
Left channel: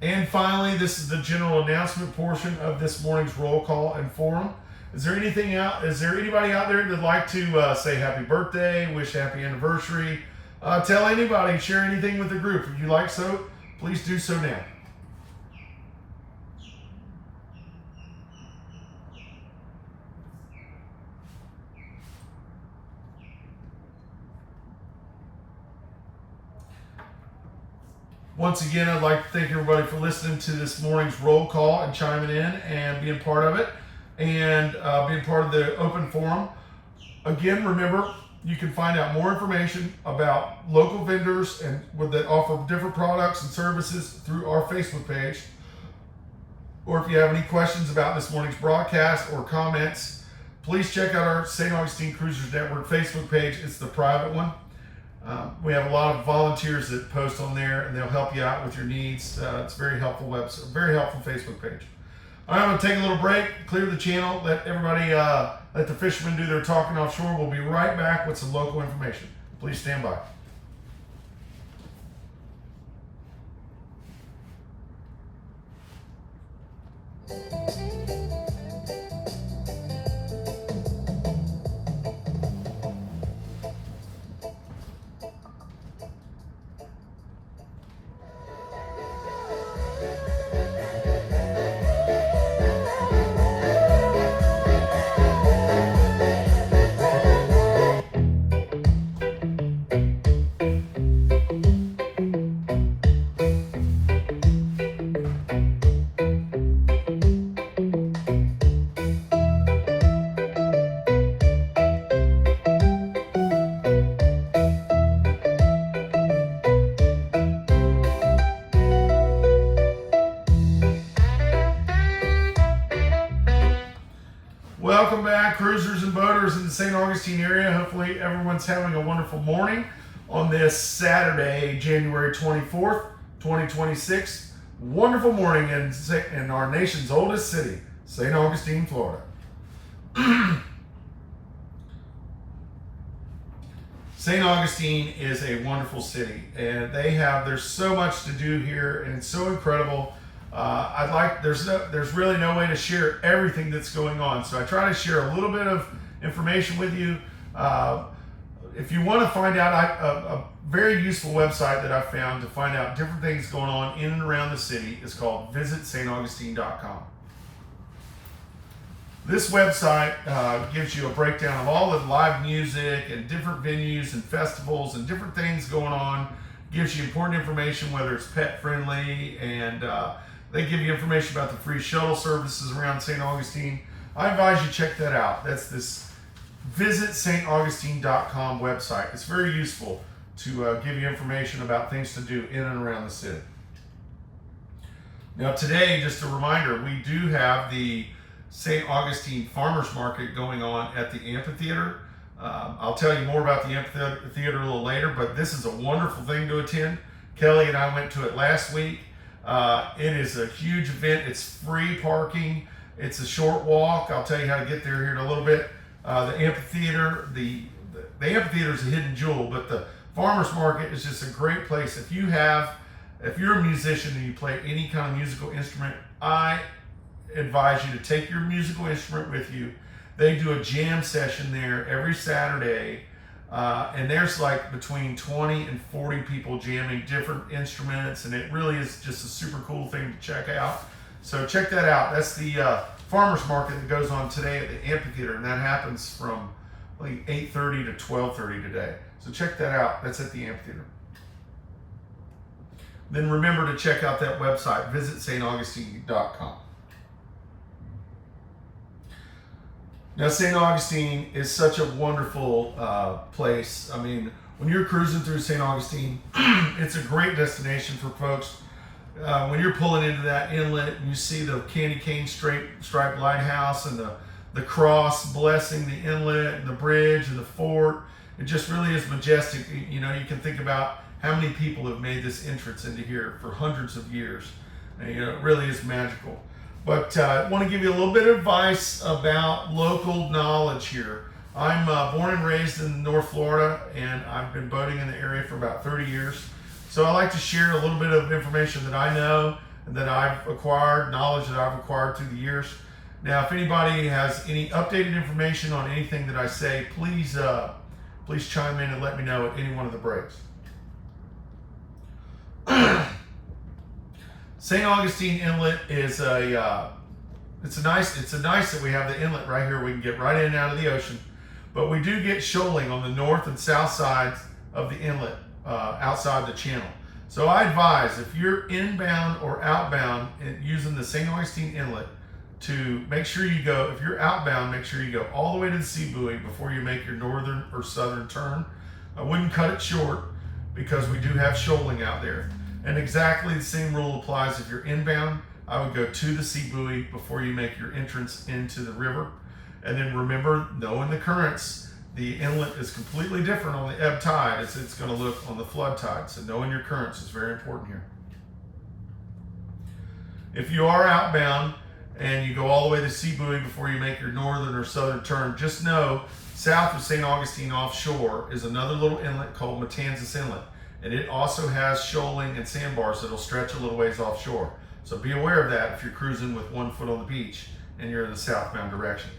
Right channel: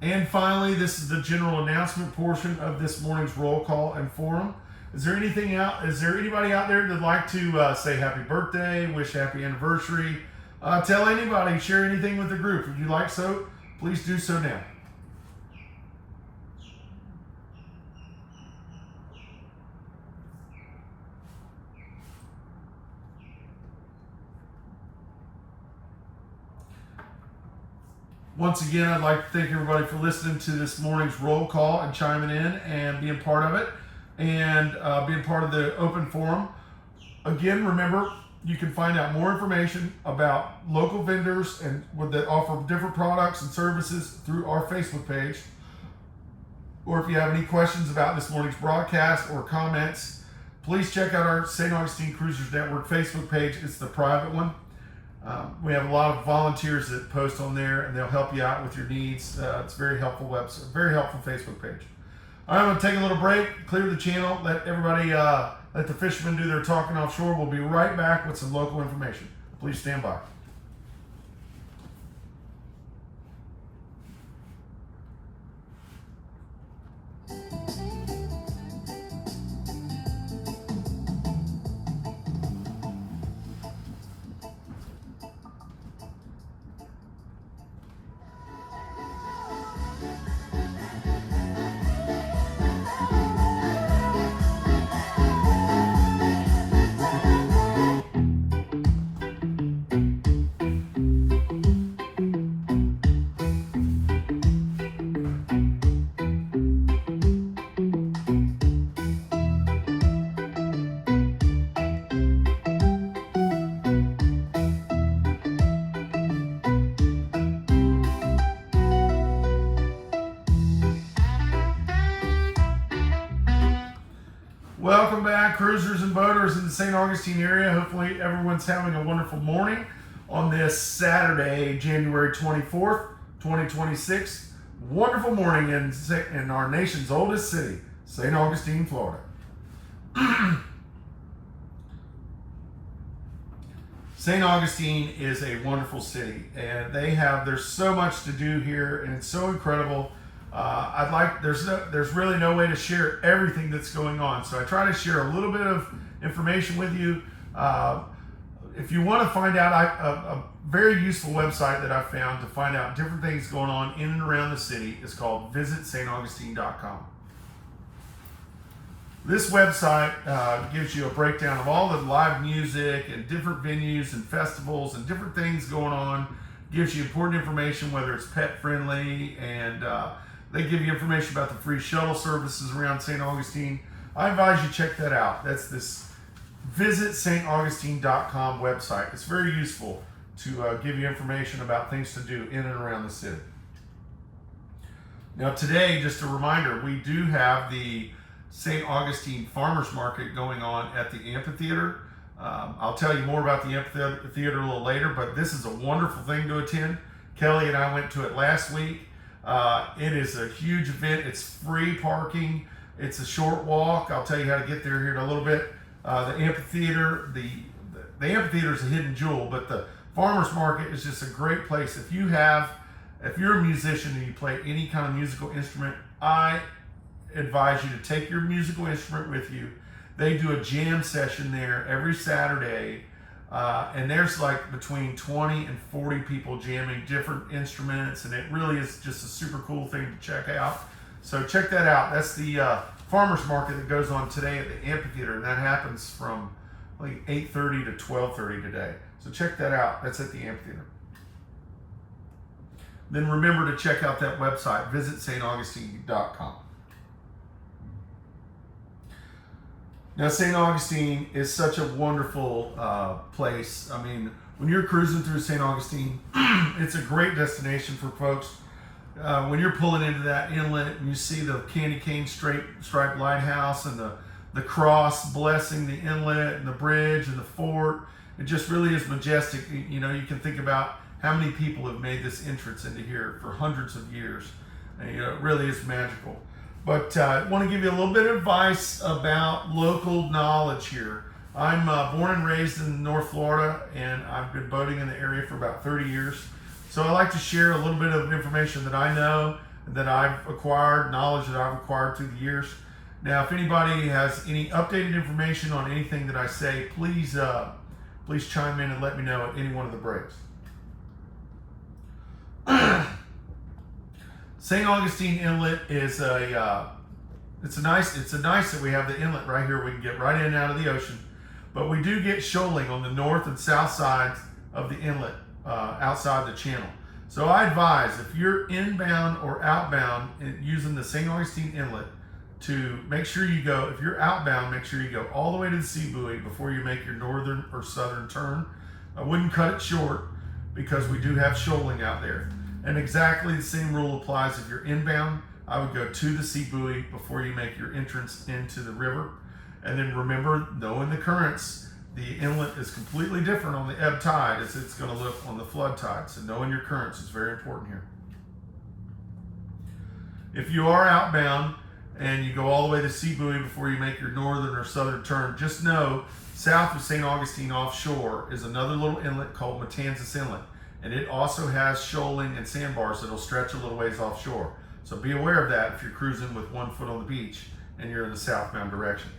And finally, this is the general announcement portion of this morning's roll call and forum. Is there anything out? Is there anybody out there that'd like to say happy birthday, wish happy anniversary, tell anybody, share anything with the group? If you like so, please do so now. Once again, I'd like to thank everybody for listening to this morning's roll call and chiming in and being part of it, and being part of the open forum. Again, remember, you can find out more information about local vendors and that offer different products and services through our Facebook page. Or if you have any questions about this morning's broadcast or comments, please check out our St. Augustine Cruisers Network Facebook page. It's the private one. We have a lot of volunteers that post on there, and they'll help you out with your needs. It's a very helpful website, very helpful Facebook page. I'm going to take a little break, clear the channel, let everybody, let the fishermen do their talking offshore. We'll be right back with some local information. Please stand by. Welcome back, cruisers and boaters in the St. Augustine area. Hopefully everyone's having a wonderful morning on this Saturday, January 24th, 2026. Wonderful morning in our nation's oldest city, St. Augustine, Florida. St. Augustine is a wonderful city, and there's so much to do here, and it's so incredible. There's really no way to share everything that's going on, so I try to share a little bit of information with you. If you want to find out, a very useful website that I found to find out different things going on in and around the city is called visitstaugustine.com. This website gives you a breakdown of all the live music and different venues and festivals and different things going on. Gives you important information, whether it's pet friendly, and they give you information about the free shuttle services around St. Augustine. I advise you check that out. That's this visitstaugustine.com website. It's very useful to give you information about things to do in and around the city. Now today, just a reminder, we do have the St. Augustine Farmers Market going on at the amphitheater. I'll tell you more about the amphitheater a little later, but this is a wonderful thing to attend. Kelly and I went to it last week. It is a huge event. It's free parking. It's a short walk. I'll tell you how to get there here in a little bit. The amphitheater, the amphitheater is a hidden jewel, but the Farmers Market is just a great place. If you're a musician and you play any kind of musical instrument, I advise you to take your musical instrument with you. They do a jam session there every Saturday, and there's like between 20 and 40 people jamming different instruments, and it really is just a super cool thing to check out. So check that out. That's the Farmers Market that goes on today at the amphitheater, and that happens from like 8:30 to 12:30 today. So check that out. That's at the amphitheater. Then remember to check out that website. Visit staugustine.com. Now, St. Augustine is such a wonderful place. I mean, when you're cruising through St. Augustine, it's a great destination for folks. When you're pulling into that inlet and you see the candy cane striped lighthouse and the cross blessing the inlet and the bridge and the fort, it just really is majestic. You know, you can think about how many people have made this entrance into here for hundreds of years. And, you know, it really is magical. But I want to give you a little bit of advice about local knowledge here. I'm born and raised in North Florida, and I've been boating in the area for about 30 years. So I like to share a little bit of information that I know, that I've acquired, knowledge that I've acquired through the years. Now, if anybody has any updated information on anything that I say, please chime in and let me know at any one of the breaks. St. Augustine Inlet is it's nice that we have the inlet right here. We can get right in and out of the ocean, but we do get shoaling on the north and south sides of the inlet outside the channel. So I advise, if you're inbound or outbound using the St. Augustine Inlet, to make sure you go, if you're outbound, make sure you go all the way to the sea buoy before you make your northern or southern turn. I wouldn't cut it short because we do have shoaling out there. And exactly the same rule applies if you're inbound. I would go to the sea buoy before you make your entrance into the river. And then remember, knowing the currents, the inlet is completely different on the ebb tide as it's going to look on the flood tide. So knowing your currents is very important here. If you are outbound and you go all the way to the sea buoy before you make your northern or southern turn, just know south of St. Augustine offshore is another little inlet called Matanzas Inlet. And it also has shoaling and sandbars that'll stretch a little ways offshore. So be aware of that if you're cruising with one foot on the beach and you're in the southbound direction.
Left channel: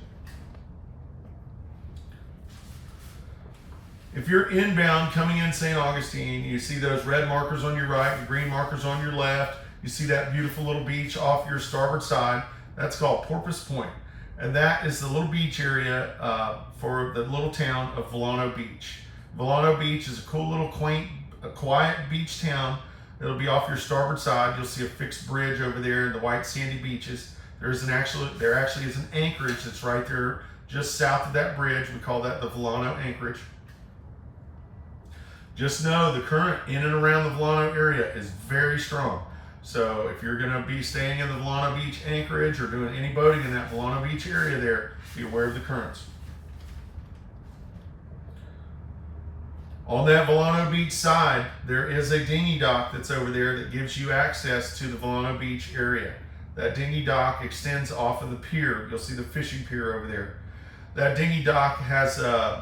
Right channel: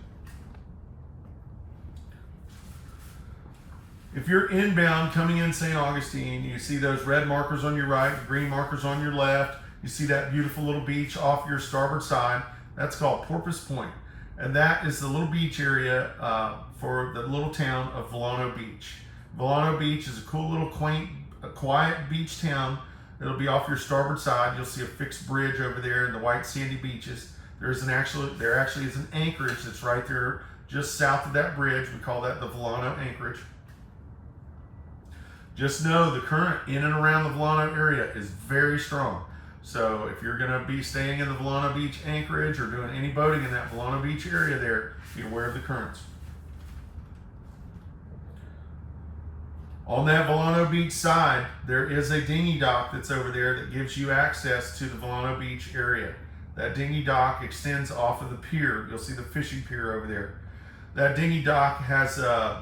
If you're inbound coming in St. Augustine, you see those red markers on your right, the green markers on your left. You see that beautiful little beach off your starboard side. That's called Porpoise Point. And that is the little beach area for the little town of Volano Beach. Volano Beach is a cool little quaint, a quiet beach town. It'll be off your starboard side. You'll see a fixed bridge over there and the white sandy beaches. There actually is an anchorage that's right there just south of that bridge. We call that the Volano Anchorage. Just know the current in and around the Volano area is very strong. So if you're going to be staying in the Volano Beach anchorage or doing any boating in that Volano Beach area there, be aware of the currents. On that Volano Beach side, there is a dinghy dock that's over there that gives you access to the Volano Beach area. That dinghy dock extends off of the pier. You'll see the fishing pier over there. That dinghy dock has,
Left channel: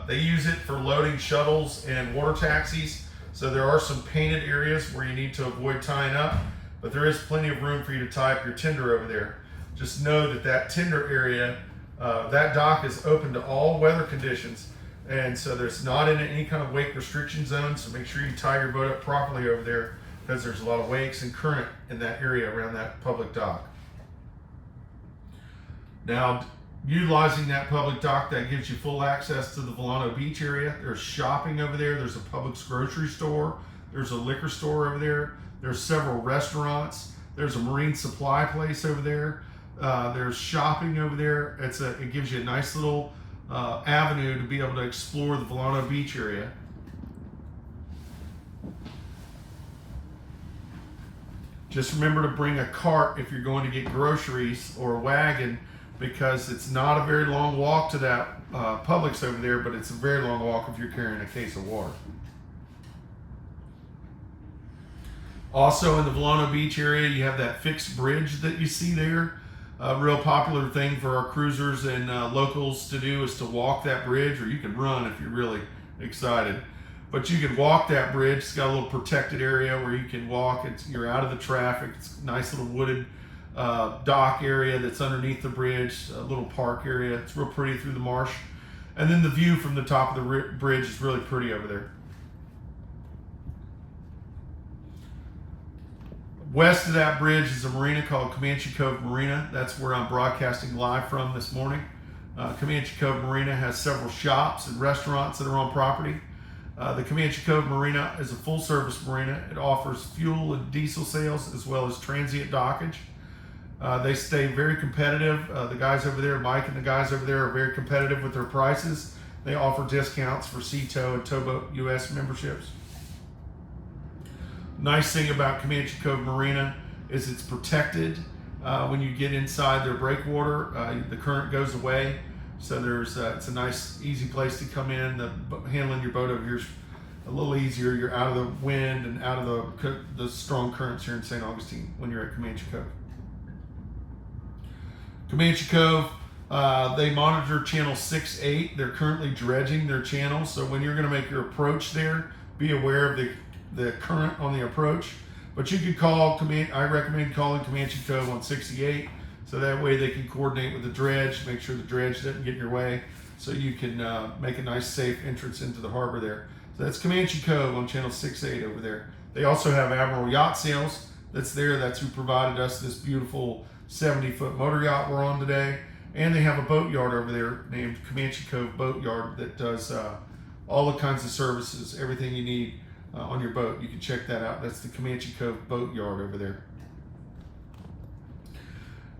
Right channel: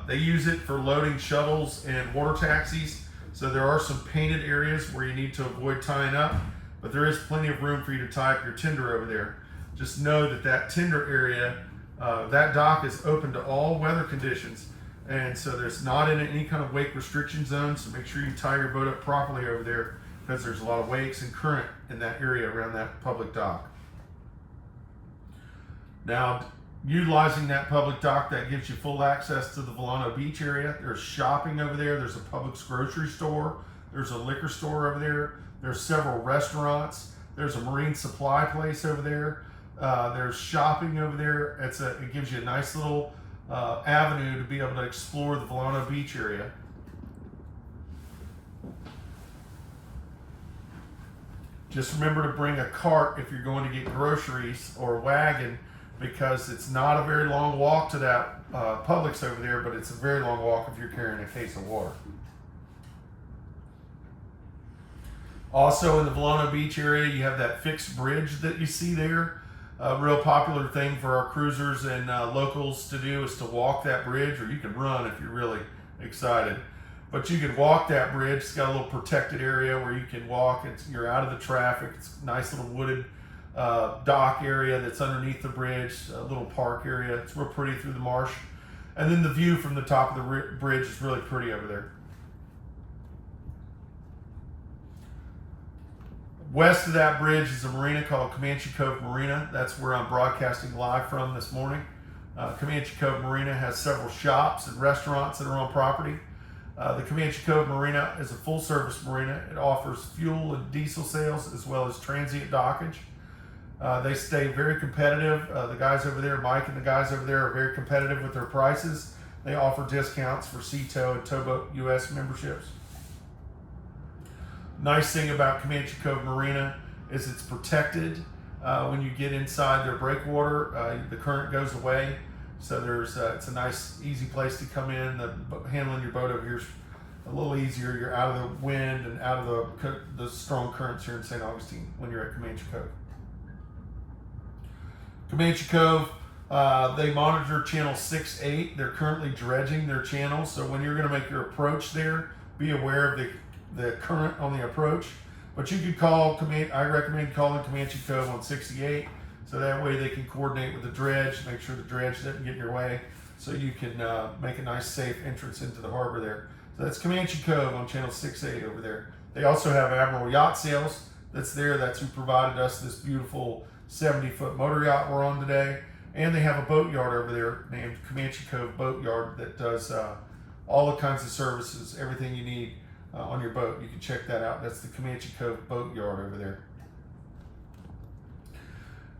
they use it for loading shuttles and water taxis. So there are some painted areas where you need to avoid tying up, but there is plenty of room for you to tie up your tender over there. Just know that that tender area, that dock is open to all weather conditions. And so there's not in any kind of wake restriction zone. So make sure you tie your boat up properly over there because there's a lot of wakes and current in that area around that public dock. Now, utilizing that public dock, that gives you full access to the Volano Beach area. There's shopping over there. There's a Publix grocery store. There's a liquor store over there. There's several restaurants. There's a marine supply place over there. There's shopping over there. It gives you a nice little avenue to be able to explore the Volano Beach area. Just remember to bring a cart if you're going to get groceries, or a wagon, because it's not a very long walk to that Publix over there, but it's a very long walk if you're carrying a case of water. Also in the Volano Beach area, you have that fixed bridge that you see there. A real popular thing for our cruisers and locals to do is to walk that bridge, or you can run if you're really excited. but you can walk that bridge. It's got a little protected area where you can walk. You're out of the traffic. It's a nice little wooded dock area that's underneath the bridge, a little park area. It's real pretty through the marsh. And then the view from the top of the bridge is really pretty over there. West of that bridge is a marina called Comanche Cove Marina. That's where I'm broadcasting live from this morning. Comanche Cove Marina has several shops and restaurants that are on property. The Comanche Cove Marina is a full-service marina. It offers fuel and diesel sales as well as transient dockage. They stay very competitive. The guys over there, Mike and the guys over there, are very competitive with their prices. They offer discounts for Sea-Tow and Towboat US memberships. Nice thing about Comanche Cove Marina is it's protected. When you get inside their breakwater, the current goes away. So it's a nice, easy place to come in. Handling your boat over here is a little easier. You're out of the wind and out of the strong currents here in St. Augustine when you're at Comanche Cove. Comanche Cove, they monitor channel 6-8. They're currently dredging their channel. So when you're going to make your approach there, be aware of the current on the approach. But you can call, I recommend calling Comanche Cove on 68. So that way they can coordinate with the dredge, make sure the dredge doesn't get in your way, so you can make a nice safe entrance into the harbor there. So that's Comanche Cove on channel 6-8 over there. They also have Admiral Yacht Sales that's there. That's who provided us this beautiful 70-foot motor yacht we're on today. And they have a boat yard over there named Comanche Cove Boat Yard that does all the kinds of services, everything you need on your boat. You can check that out. That's the Comanche Cove Boat Yard over there.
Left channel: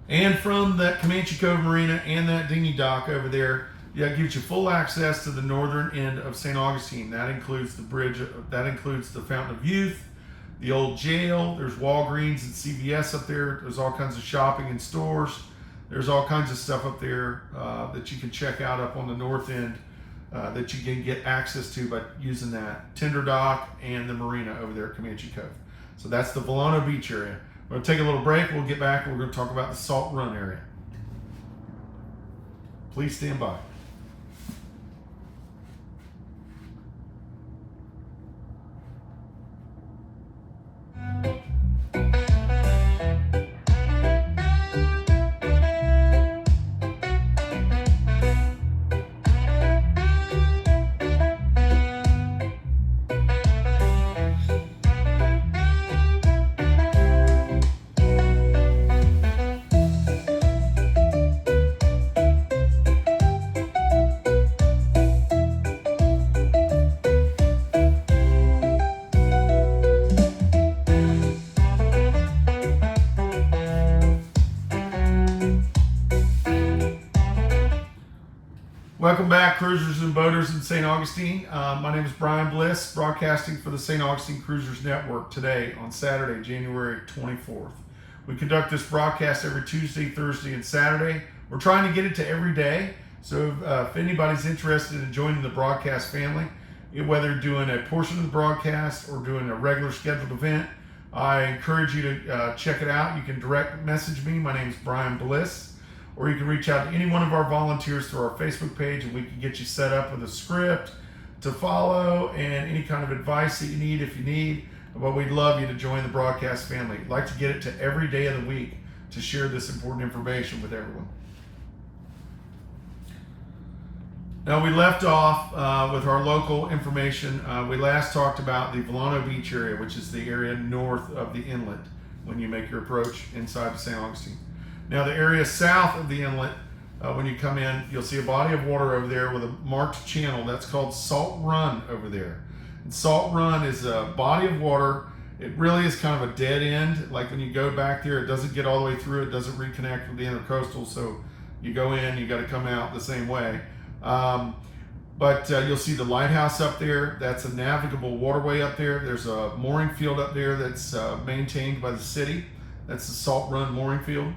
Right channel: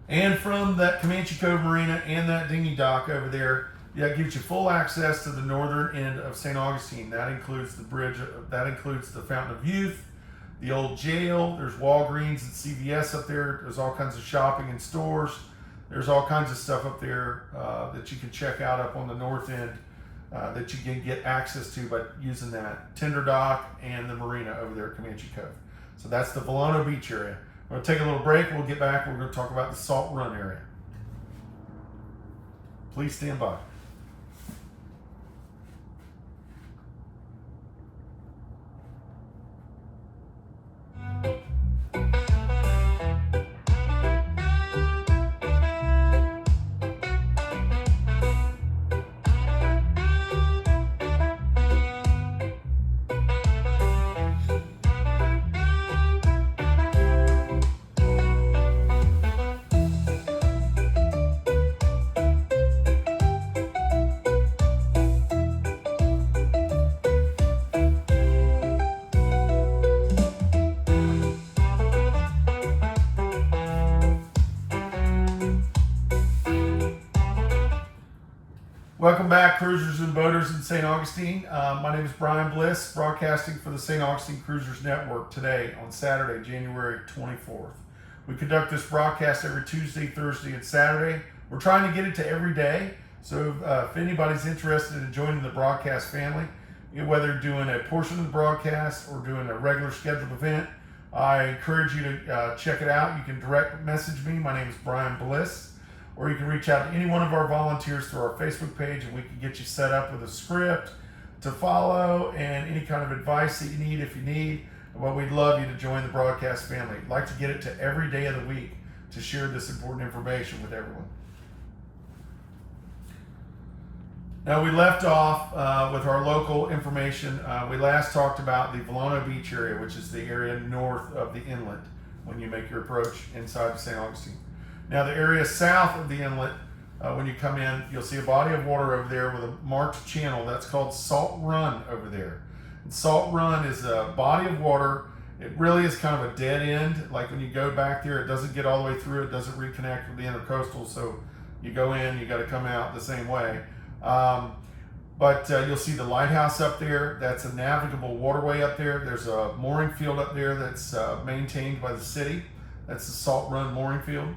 And from that Comanche Cove Marina and that dinghy dock over there, that gives you full access to the northern end of St. Augustine. That includes the bridge, that includes the Fountain of Youth, the old jail. There's Walgreens and CVS up there. There's all kinds of shopping and stores. There's all kinds of stuff up there that you can check out up on the north end that you can get access to by using that tender dock and the marina over there at Comanche Cove. So that's the Volano Beach area. We'll take a little break. We'll get back. We're going to talk about the Salt Run area. Please stand by. Welcome back, cruisers and boaters in St. Augustine. My name is Brian Bliss, broadcasting for the St. Augustine Cruisers Network today on Saturday, January 24th. We conduct this broadcast every Tuesday, Thursday, and Saturday. We're trying to get it to every day, so if anybody's interested in joining the broadcast family, whether doing a portion of the broadcast or doing a regular scheduled event, I encourage you to check it out. You can direct message me. My name is Brian Bliss. Or you can reach out to any one of our volunteers through our Facebook page, and we can get you set up with a script to follow and any kind of advice that you need if you need. Well, we'd love you to join the broadcast family. We'd like to get it to every day of the week to share this important information with everyone. Now, we left off with our local information. We last talked about the Volano Beach area, which is the area north of the inlet when you make your approach inside St. Augustine. Now, the area south of the inlet, when you come in, you'll see a body of water over there with a marked channel. That's called Salt Run over there. And Salt Run is a body of water. It really is kind of a dead end. Like when you go back there, it doesn't get all the way through. It doesn't reconnect with the intercoastal. So you go in, you got to come out the same way. But you'll see the lighthouse up there. That's a navigable waterway up there. There's a mooring field up there that's maintained by the city. That's the Salt Run mooring field.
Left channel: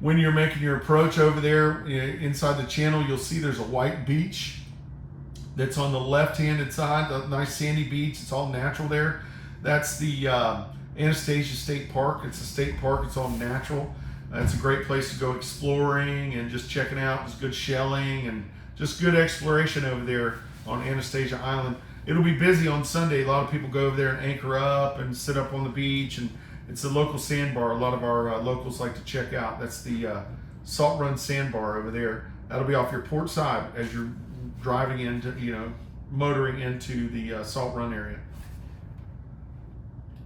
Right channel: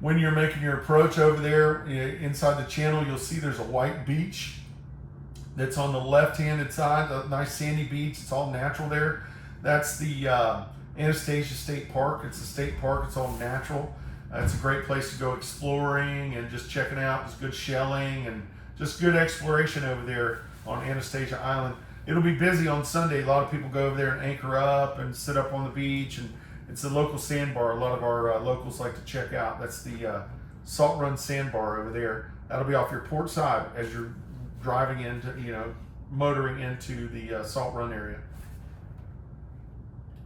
When you're making your approach over there inside the channel, you'll see there's a white beach that's on the left-handed side, the nice sandy beach. It's all natural there. That's the Anastasia State Park. It's a state park. It's all natural. It's a great place to go exploring and just checking out. There's good shelling and just good exploration over there on Anastasia Island. It'll be busy on Sunday. A lot of people go over there and anchor up and sit up on the beach, and it's a local sandbar. A lot of our locals like to check out. That's the Salt Run Sandbar over there. That'll be off your port side as you're driving into, motoring into the Salt Run area.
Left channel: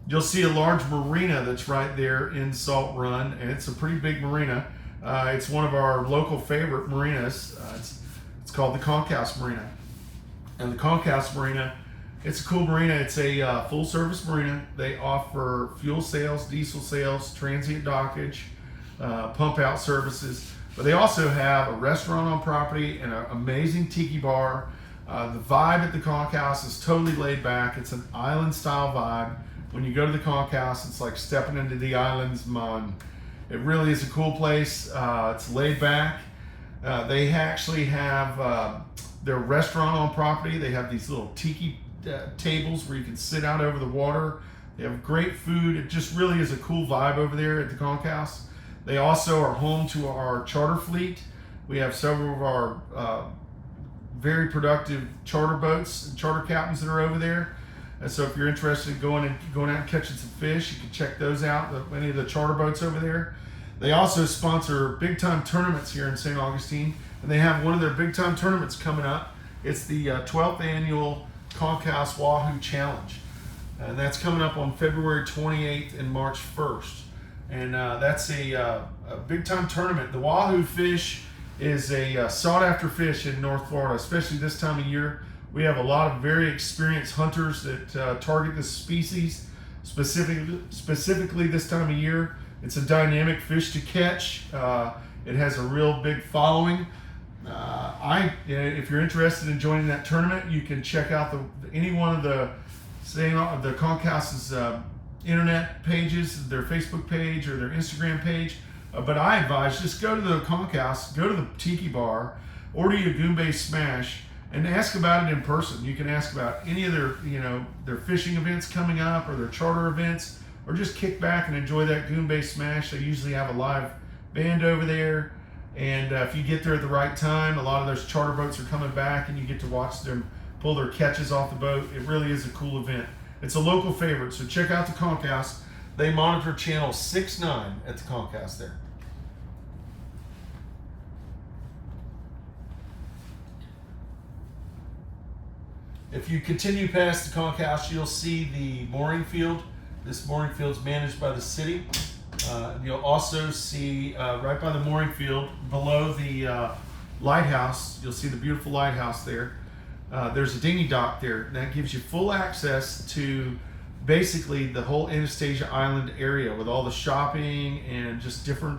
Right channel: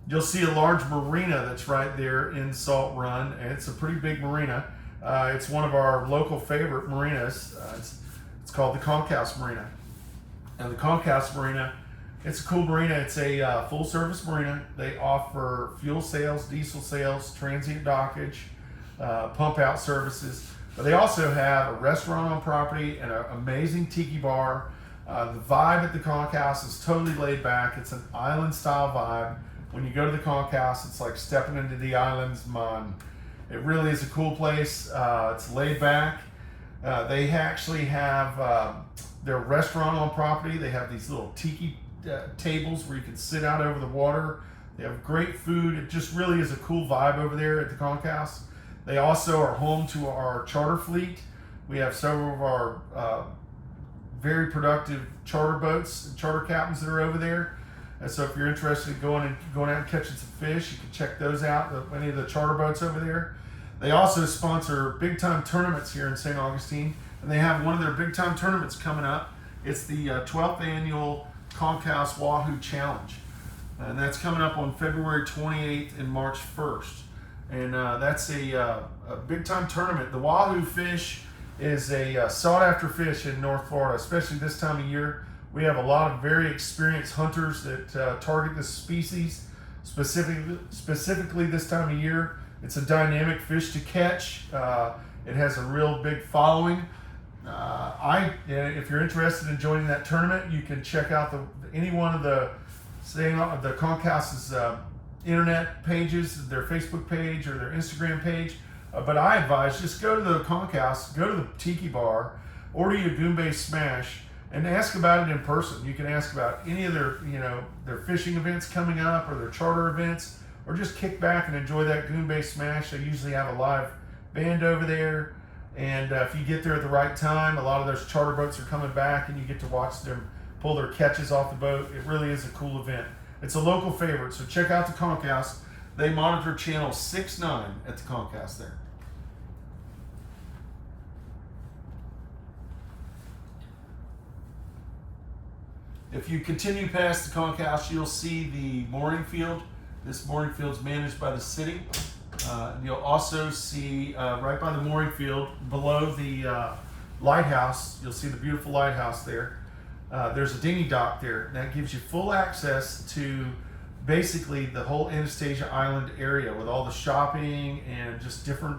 You'll see a large marina that's right there in Salt Run, and it's a pretty big marina. It's one of our local favorite marinas. It's called the Concourse Marina. And the Concourse Marina, it's a cool marina. It's a full-service marina. They offer fuel sales, diesel sales, transient dockage, pump-out services. But they also have a restaurant on property and an amazing tiki bar. The vibe at the Concourse is totally laid back. It's an island-style vibe. When you go to the Concourse, it's like stepping into the island's mind. It really is a cool place. It's laid back. They actually have their restaurant on property. They have these little tiki tables where you can sit out over the water. They have great food. It just really is a cool vibe over there at the Concourse. They also are home to our charter fleet. We have several of our very productive charter boats and charter captains that are over there. And so if you're interested in going out and catching some fish, you can check those out, any of the charter boats over there. They also sponsor big time tournaments here in St. Augustine, and they have one of their big time tournaments coming up. It's the 12th annual Concourse Wahoo Challenge, and that's coming up on February 28th and March 1st. And that's a big time tournament. The wahoo fish is a sought after fish in North Florida, especially this time of year. We have a lot of very experienced hunters that target this species, specifically this time of year. It's a dynamic fish to catch. It has a real big following. If you're interested in joining that tournament, you can check out any one of the Concours's internet pages, their Facebook page or their Instagram page. But I advise just go to the Concourse, go to the tiki bar, order you a Goombay Smash, and ask about it in person. You can ask about any of their fishing events coming up or their charter events, or just kick back and enjoy that Goombay Smash. They usually have a live band over there, and if you get there at the right time, a lot of those charter boats are coming back and you get to watch them pull their catches off the boat. It really is a cool event. It's a local favorite, so check out the Concourse. They monitor channel 6-9 at the Concourse there. If you continue past the Concourse, you'll see the mooring field. This mooring field is managed by the city. You'll also see right by the mooring field, below the lighthouse, you'll see the beautiful lighthouse there. There's a dinghy dock there. That gives you full access to basically the whole Anastasia Island area with all the shopping and just different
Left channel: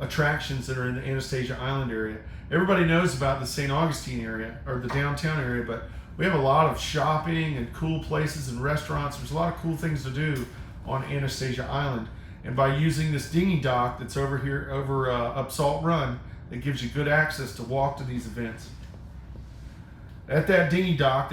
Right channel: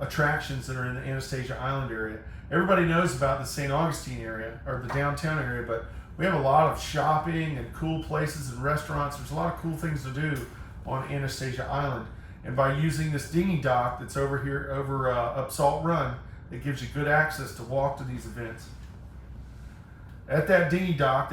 attractions that are in the Anastasia Island area. Everybody knows about the St. Augustine area, or the downtown area, but we have a lot of shopping and cool places and restaurants. There's a lot of cool things to do on Anastasia Island. And by using this dinghy dock that's over here, up Salt Run, it gives you good access to walk to these events. At that dinghy dock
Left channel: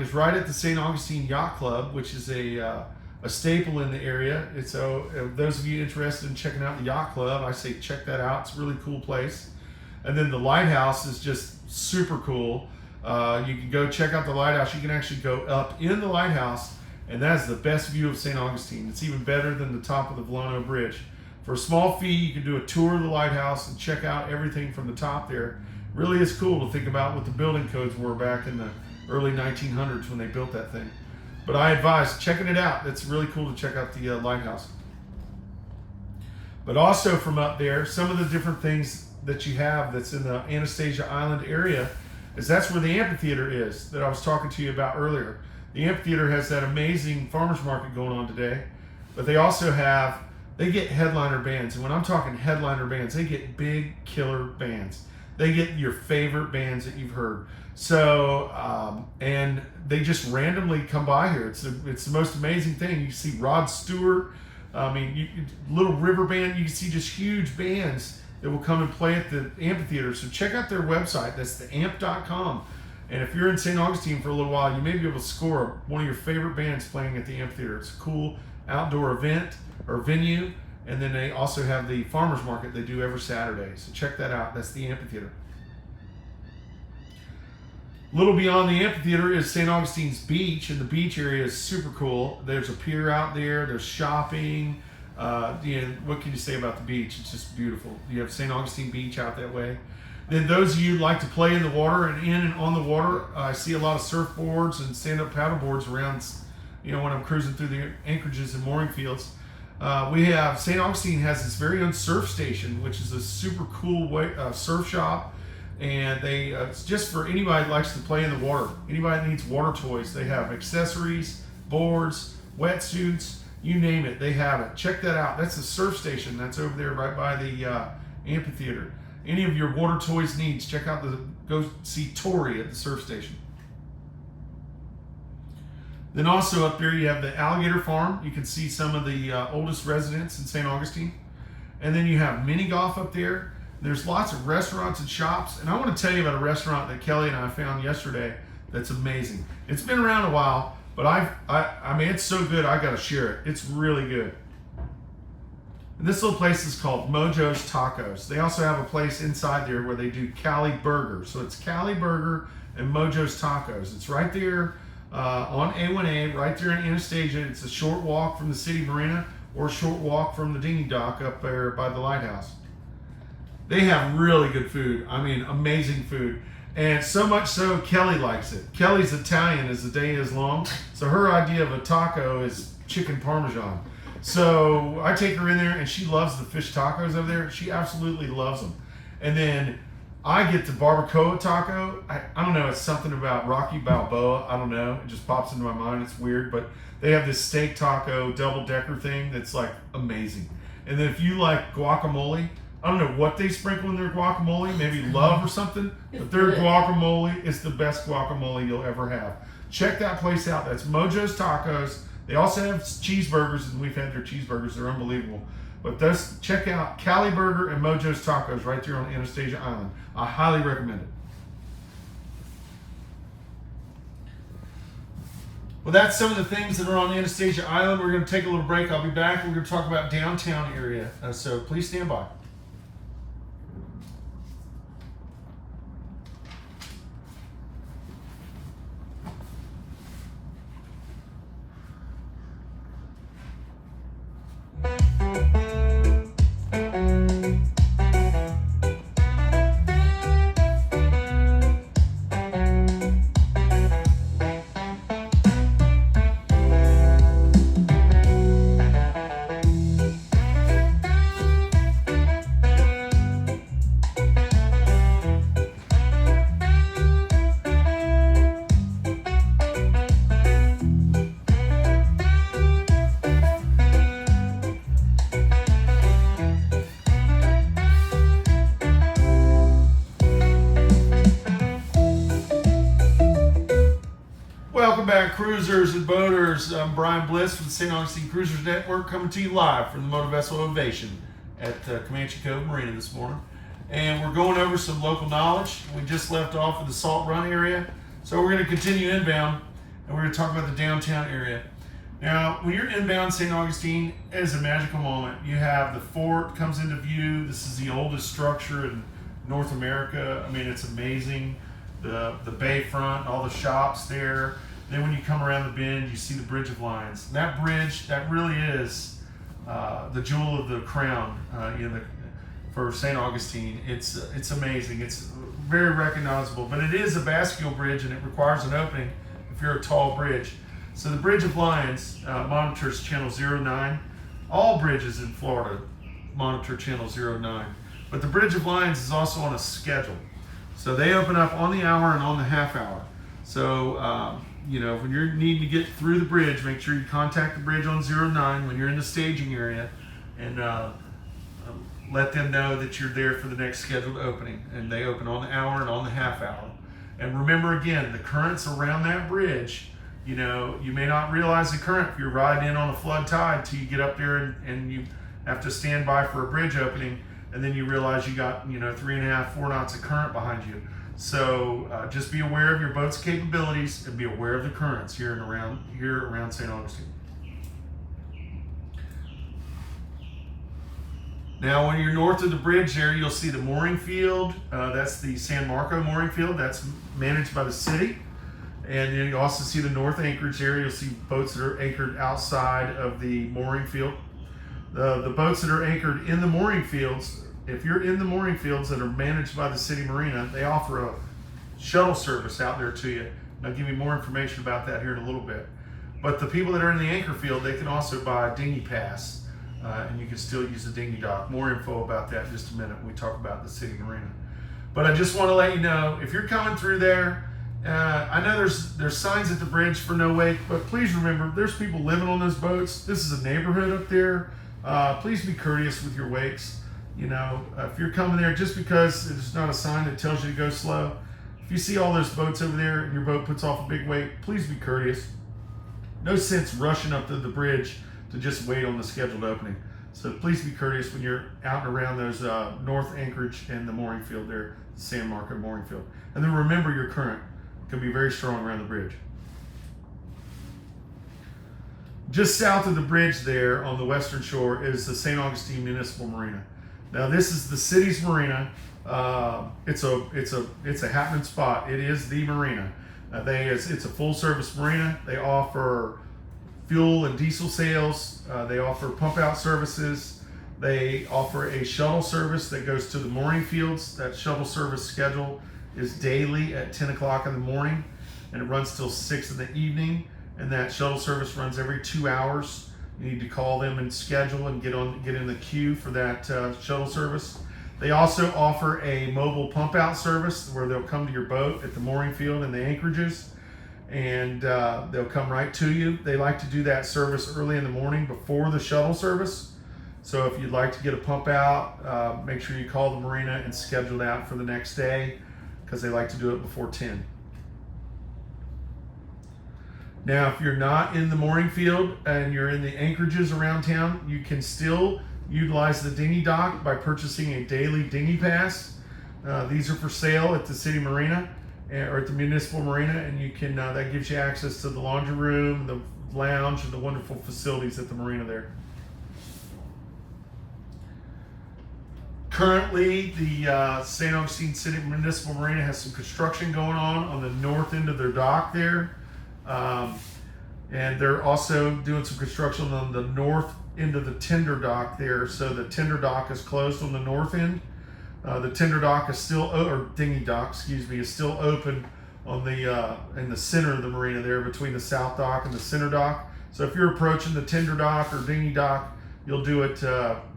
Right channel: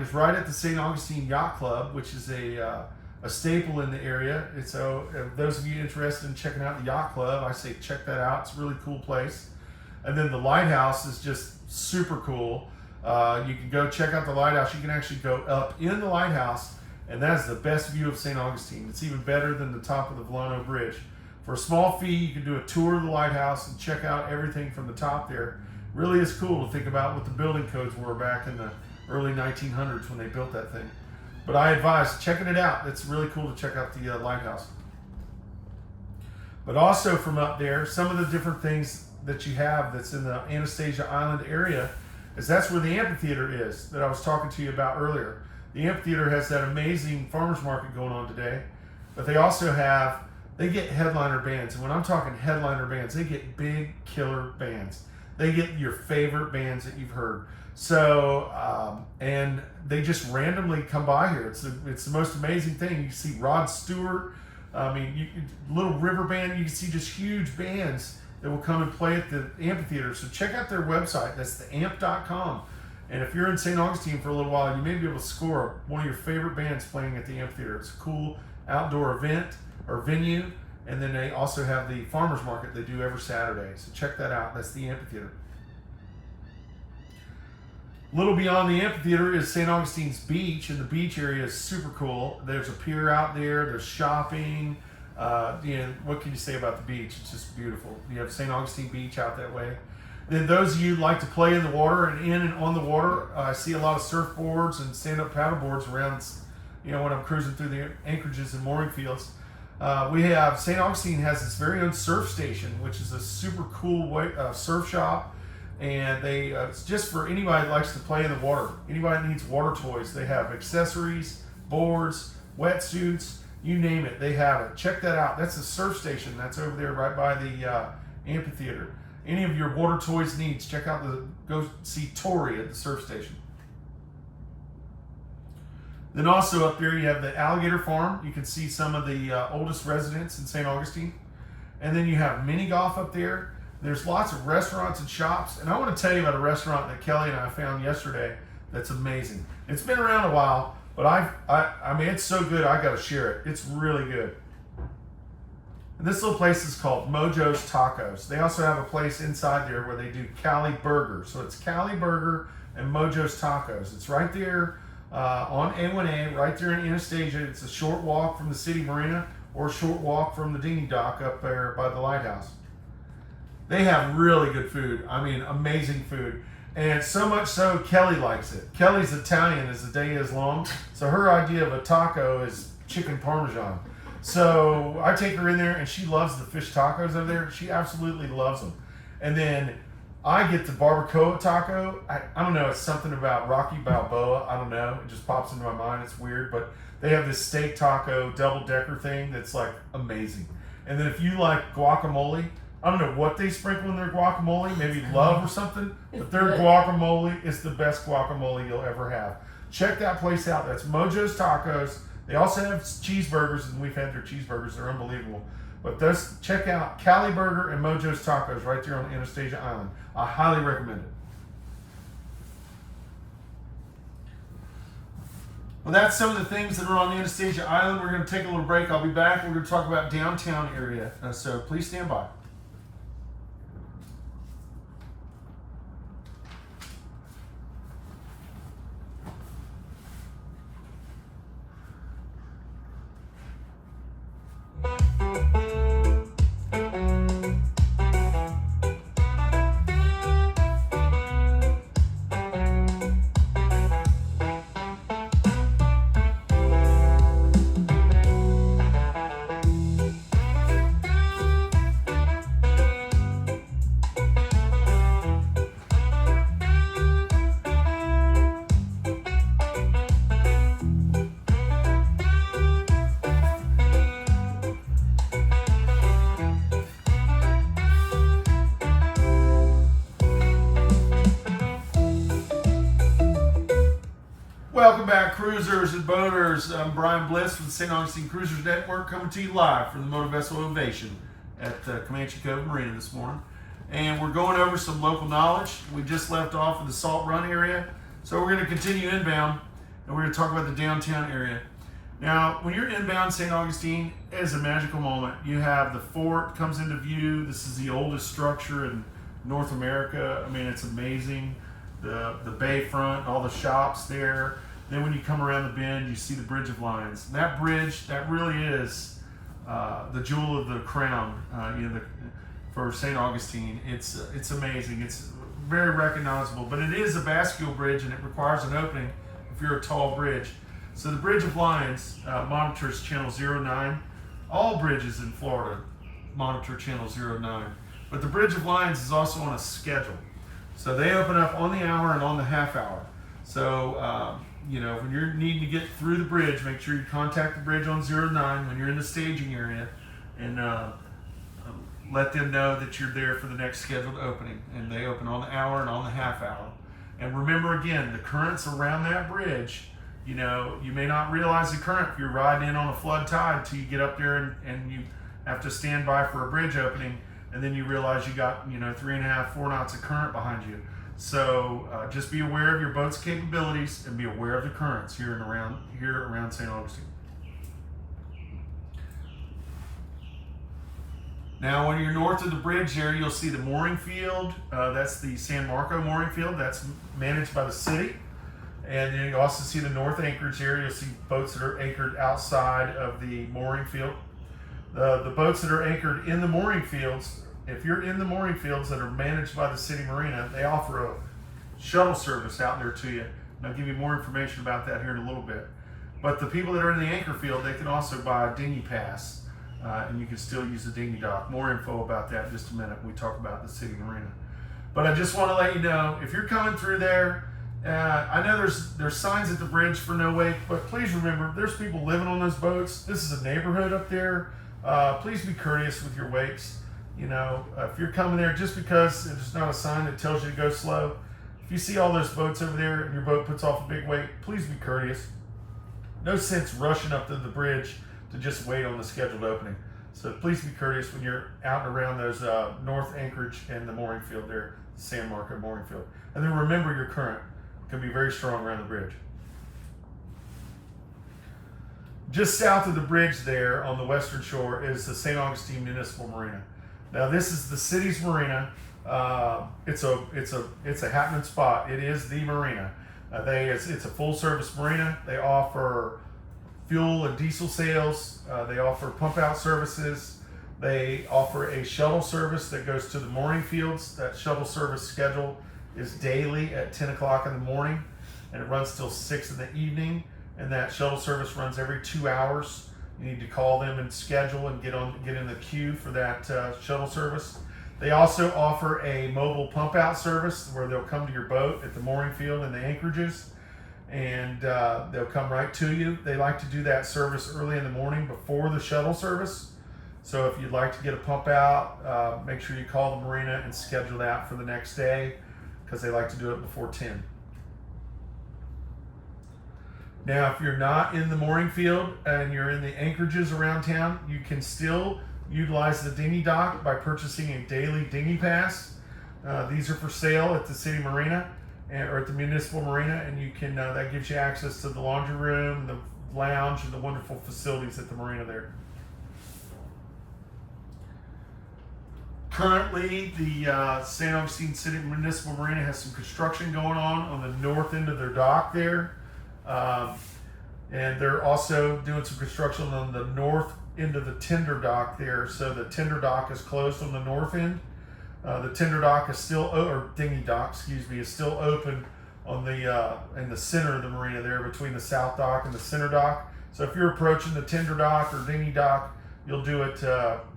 is right at the St. Augustine Yacht Club, which is a staple in the area. It's those of you interested in checking out the Yacht Club, I say check that out. It's a really cool place. And then the lighthouse is just super cool. You can go check out the lighthouse. You can actually go up in the lighthouse, and that is the best view of St. Augustine. It's even better than the top of the Volano Bridge. For a small fee, you can do a tour of the lighthouse and check out everything from the top there. Really is cool to think about what the building codes were back in the early 1900s when they built that thing. But I advise checking it out. It's really cool to check out the lighthouse. But also from up there, some of the different things that you have that's in the Anastasia Island area is that's where the amphitheater is that I was talking to you about earlier. The amphitheater has that amazing farmers market going on today, but they also they get headliner bands. And when I'm talking headliner bands, they get big killer bands. They get your favorite bands that you've heard. So, and they just randomly come by here. It's the most amazing thing. You see Rod Stewart, Little River Band. You can see just huge bands that will come and play at the amphitheater. So check out their website. That's theamp.com. And if you're in St. Augustine for a little while, you may be able to score one of your favorite bands playing at the amphitheater. It's a cool outdoor event or venue. And then they also have the farmers market they do every Saturday. So check that out. That's the amphitheater. A little beyond the amphitheater is St. Augustine's Beach, and the beach area is super cool. There's a pier out there. There's shopping. What can you say about the beach? It's just beautiful. You have St. Augustine Beach out that way. Then those of you who like to play in the water and in and on the water, I see a lot of surfboards and stand-up paddleboards around, when I'm cruising through the anchorages and mooring fields. We have, St. Augustine has its very own surf station, which is a super cool surf shop. And it's just for anybody that likes to play in the water. Anybody that needs water toys. They have accessories, boards, wetsuits, you name it, they have it. Check that out. That's a surf station. That's over there right by the amphitheater. Any of your water toys needs, go see Tori at the surf station. Then also up there you have the alligator farm. You can see some of the oldest residents in St. Augustine. And then you have mini golf up there. There's lots of restaurants and shops. And I want to tell you about a restaurant that Kelly and I found yesterday that's amazing. It's been around a while, but I mean, it's so good, I got to share it. It's really good. And this little place is called Mojo's Tacos. They also have a place inside there where they do Cali Burger. So it's Cali Burger and Mojo's Tacos. It's right there on A1A, right there in Anastasia. It's a short walk from the city marina or a short walk from the dinghy dock up there by the lighthouse. They have really good food. I mean, amazing food. And so much so, Kelly likes it. Kelly's Italian as the day is long. So her idea of a taco is chicken parmesan. So I take her in there and she loves the fish tacos over there. She absolutely loves them. And then I get the barbacoa taco. I don't know, it's something about Rocky Balboa. I don't know. It just pops into my mind. It's weird. But they have this steak taco double-decker thing that's like amazing. And then if you like guacamole, I don't know what they sprinkle in their guacamole, maybe love or something, but their guacamole is the best guacamole you'll ever have. Check that place out. That's Mojo's Tacos. They also have cheeseburgers, and we've had their cheeseburgers. They're unbelievable. But check out Cali Burger and Mojo's Tacos right there on Anastasia Island. I highly recommend it. Well, that's some of the things that are on Anastasia Island. We're going to take a little break. I'll be back. We're going to talk about downtown area. So please stand by. Welcome back, cruisers and boaters. I'm Brian Bliss from the St. Augustine Cruisers Network, coming to you live from the Motor Vessel Ovation at Comanche Cove Marina this morning. And we're going over some local knowledge. We just left off in the Salt Run area, so we're going to continue inbound, and we're going to talk about the downtown area. Now, when you're inbound St. Augustine, it is a magical moment. You have the fort comes into view. This is the oldest structure in North America. I mean, it's amazing. The bayfront, all the shops there. Then when you come around the bend, you see the Bridge of Lions. And that bridge, that really is the jewel of the crown for St. Augustine. It's amazing. It's very recognizable. But it is a bascule bridge, and it requires an opening if you're a tall bridge. So the Bridge of Lions monitors channel 09. All bridges in Florida monitor channel 09. But the Bridge of Lions is also on a schedule. So they open up on the hour and on the half hour. So, when you're needing to get through the bridge, make sure you contact the bridge on 09 when you're in the staging area, and let them know that you're there for the next scheduled opening. And they open on the hour and on the half hour. And remember again, the currents around that bridge, you may not realize the current if you're riding in on a flood tide till you get up there and you have to stand by for a bridge opening, and then you realize you got 3.5, 4 knots of current behind you. So just be aware of your boat's capabilities and be aware of the currents here around St. Augustine. Now, when you're north of the bridge there, you'll see the mooring field. That's the San Marco mooring field. That's managed by the city. And then you also see the north anchorage area. You'll see boats that are anchored outside of the mooring field. The boats that are anchored in the mooring fields, if you're in the mooring fields that are managed by the city marina, they offer a shuttle service out there to you. I'll give you more information about that here in a little bit. But the people that are in the anchor field, they can also buy a dinghy pass, and you can still use the dinghy dock. More info about that in just a minute when we talk about the city marina. But I just want to let you know, if you're coming through there, I know there's signs at the bridge for no wake, but please remember, there's people living on those boats. This is a neighborhood up there. Please be courteous with your wakes. You know, if you're coming there, just because there's not a sign that tells you to go slow, if you see all those boats over there and your boat puts off a big wake, please be courteous. No sense rushing up to the bridge to just wait on the scheduled opening. So please be courteous when you're out and around those north anchorage and the mooring field there, San Marco mooring field. And then remember, your current can be very strong around the bridge. Just south of the bridge there on the western shore is the St. Augustine Municipal Marina. Now this is the city's marina. It's a happening spot. It is the marina. It's a full service marina. They offer fuel and diesel sales. They offer pump out services. They offer a shuttle service that goes to the mooring fields. That shuttle service schedule is daily at 10 o'clock in the morning, and it runs till 6 in the evening. And that shuttle service runs every 2 hours. You need to call them and schedule and get in the queue for that shuttle service. They also offer a mobile pump out service where they'll come to your boat at the mooring field and the anchorages, and they'll come right to you. They like to do that service early in the morning before the shuttle service. So if you'd like to get a pump out, make sure you call the marina and schedule that for the next day, because they like to do it before 10. Now, if you're not in the mooring field and you're in the anchorages around town, you can still utilize the dinghy dock by purchasing a daily dinghy pass. These are for sale at the city marina or at the municipal marina, and you can that gives you access to the laundry room, the lounge, and the wonderful facilities at the marina there. Currently, the St. Augustine City Municipal Marina has some construction going on the north end of their dock there. And they're also doing some construction on the north end of the tender dock there. So the tender dock is closed on the north end. The tender dock is still, or dinghy dock, excuse me, is still open on the in the center of the marina there between the south dock and the center dock. So if you're approaching the tender dock or dinghy dock, you'll do it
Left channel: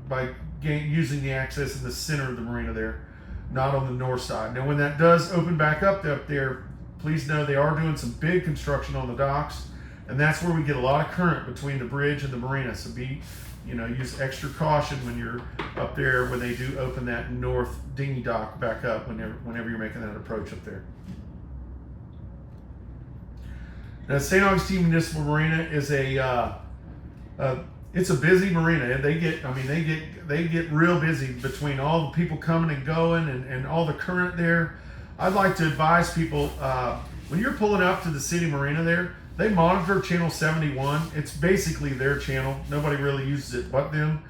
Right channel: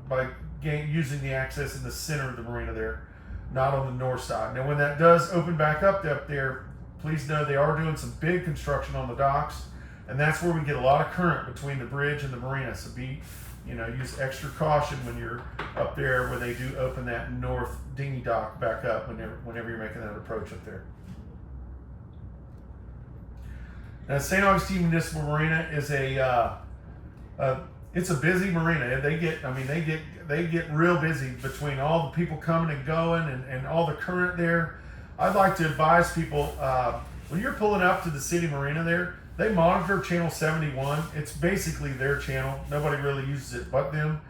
by using the access in the center of the marina there, not on the north side. Now, when that does open back up there, please know they are doing some big construction on the docks, and that's where we get a lot of current between the bridge and the marina. So use extra caution when you're up there when they do open that north dinghy dock back up whenever you're making that approach up there. Now, St. Augustine Municipal Marina is it's a busy marina. They get real busy between all the people coming and going and all the current there. I'd like to advise people, when you're pulling up to the city marina there, they monitor channel 71. It's basically their channel. Nobody really uses it but them.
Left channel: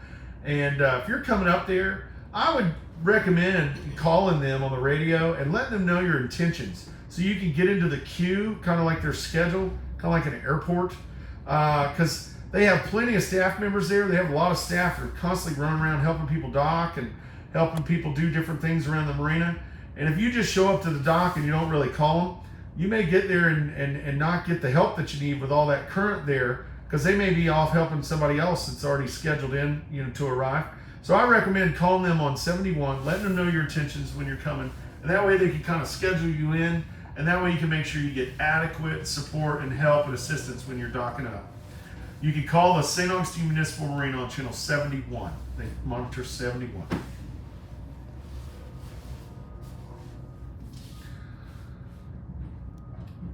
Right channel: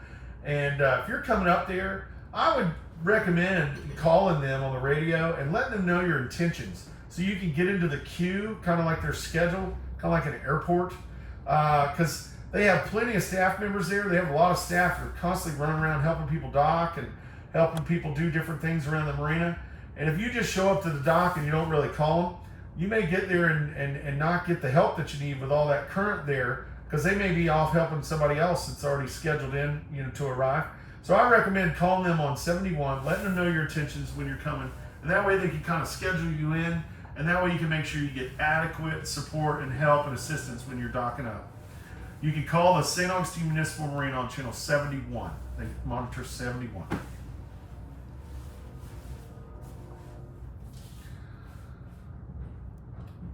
And if you're coming up there, I would recommend calling them on the radio and letting them know your intentions, so you can get into the queue, kind of like their schedule, kind of like an airport, because they have plenty of staff members there. They have a lot of staff that are constantly running around helping people dock and helping people do different things around the marina. And if you just show up to the dock and you don't really call them, you may get there and not get the help that you need with all that current there, because they may be off helping somebody else that's already scheduled in, to arrive. So I recommend calling them on 71, letting them know your intentions when you're coming, and that way they can kind of schedule you in, and that way you can make sure you get adequate support and help and assistance when you're docking up. You can call the St. Augustine Municipal Marina on channel 71. They monitor 71.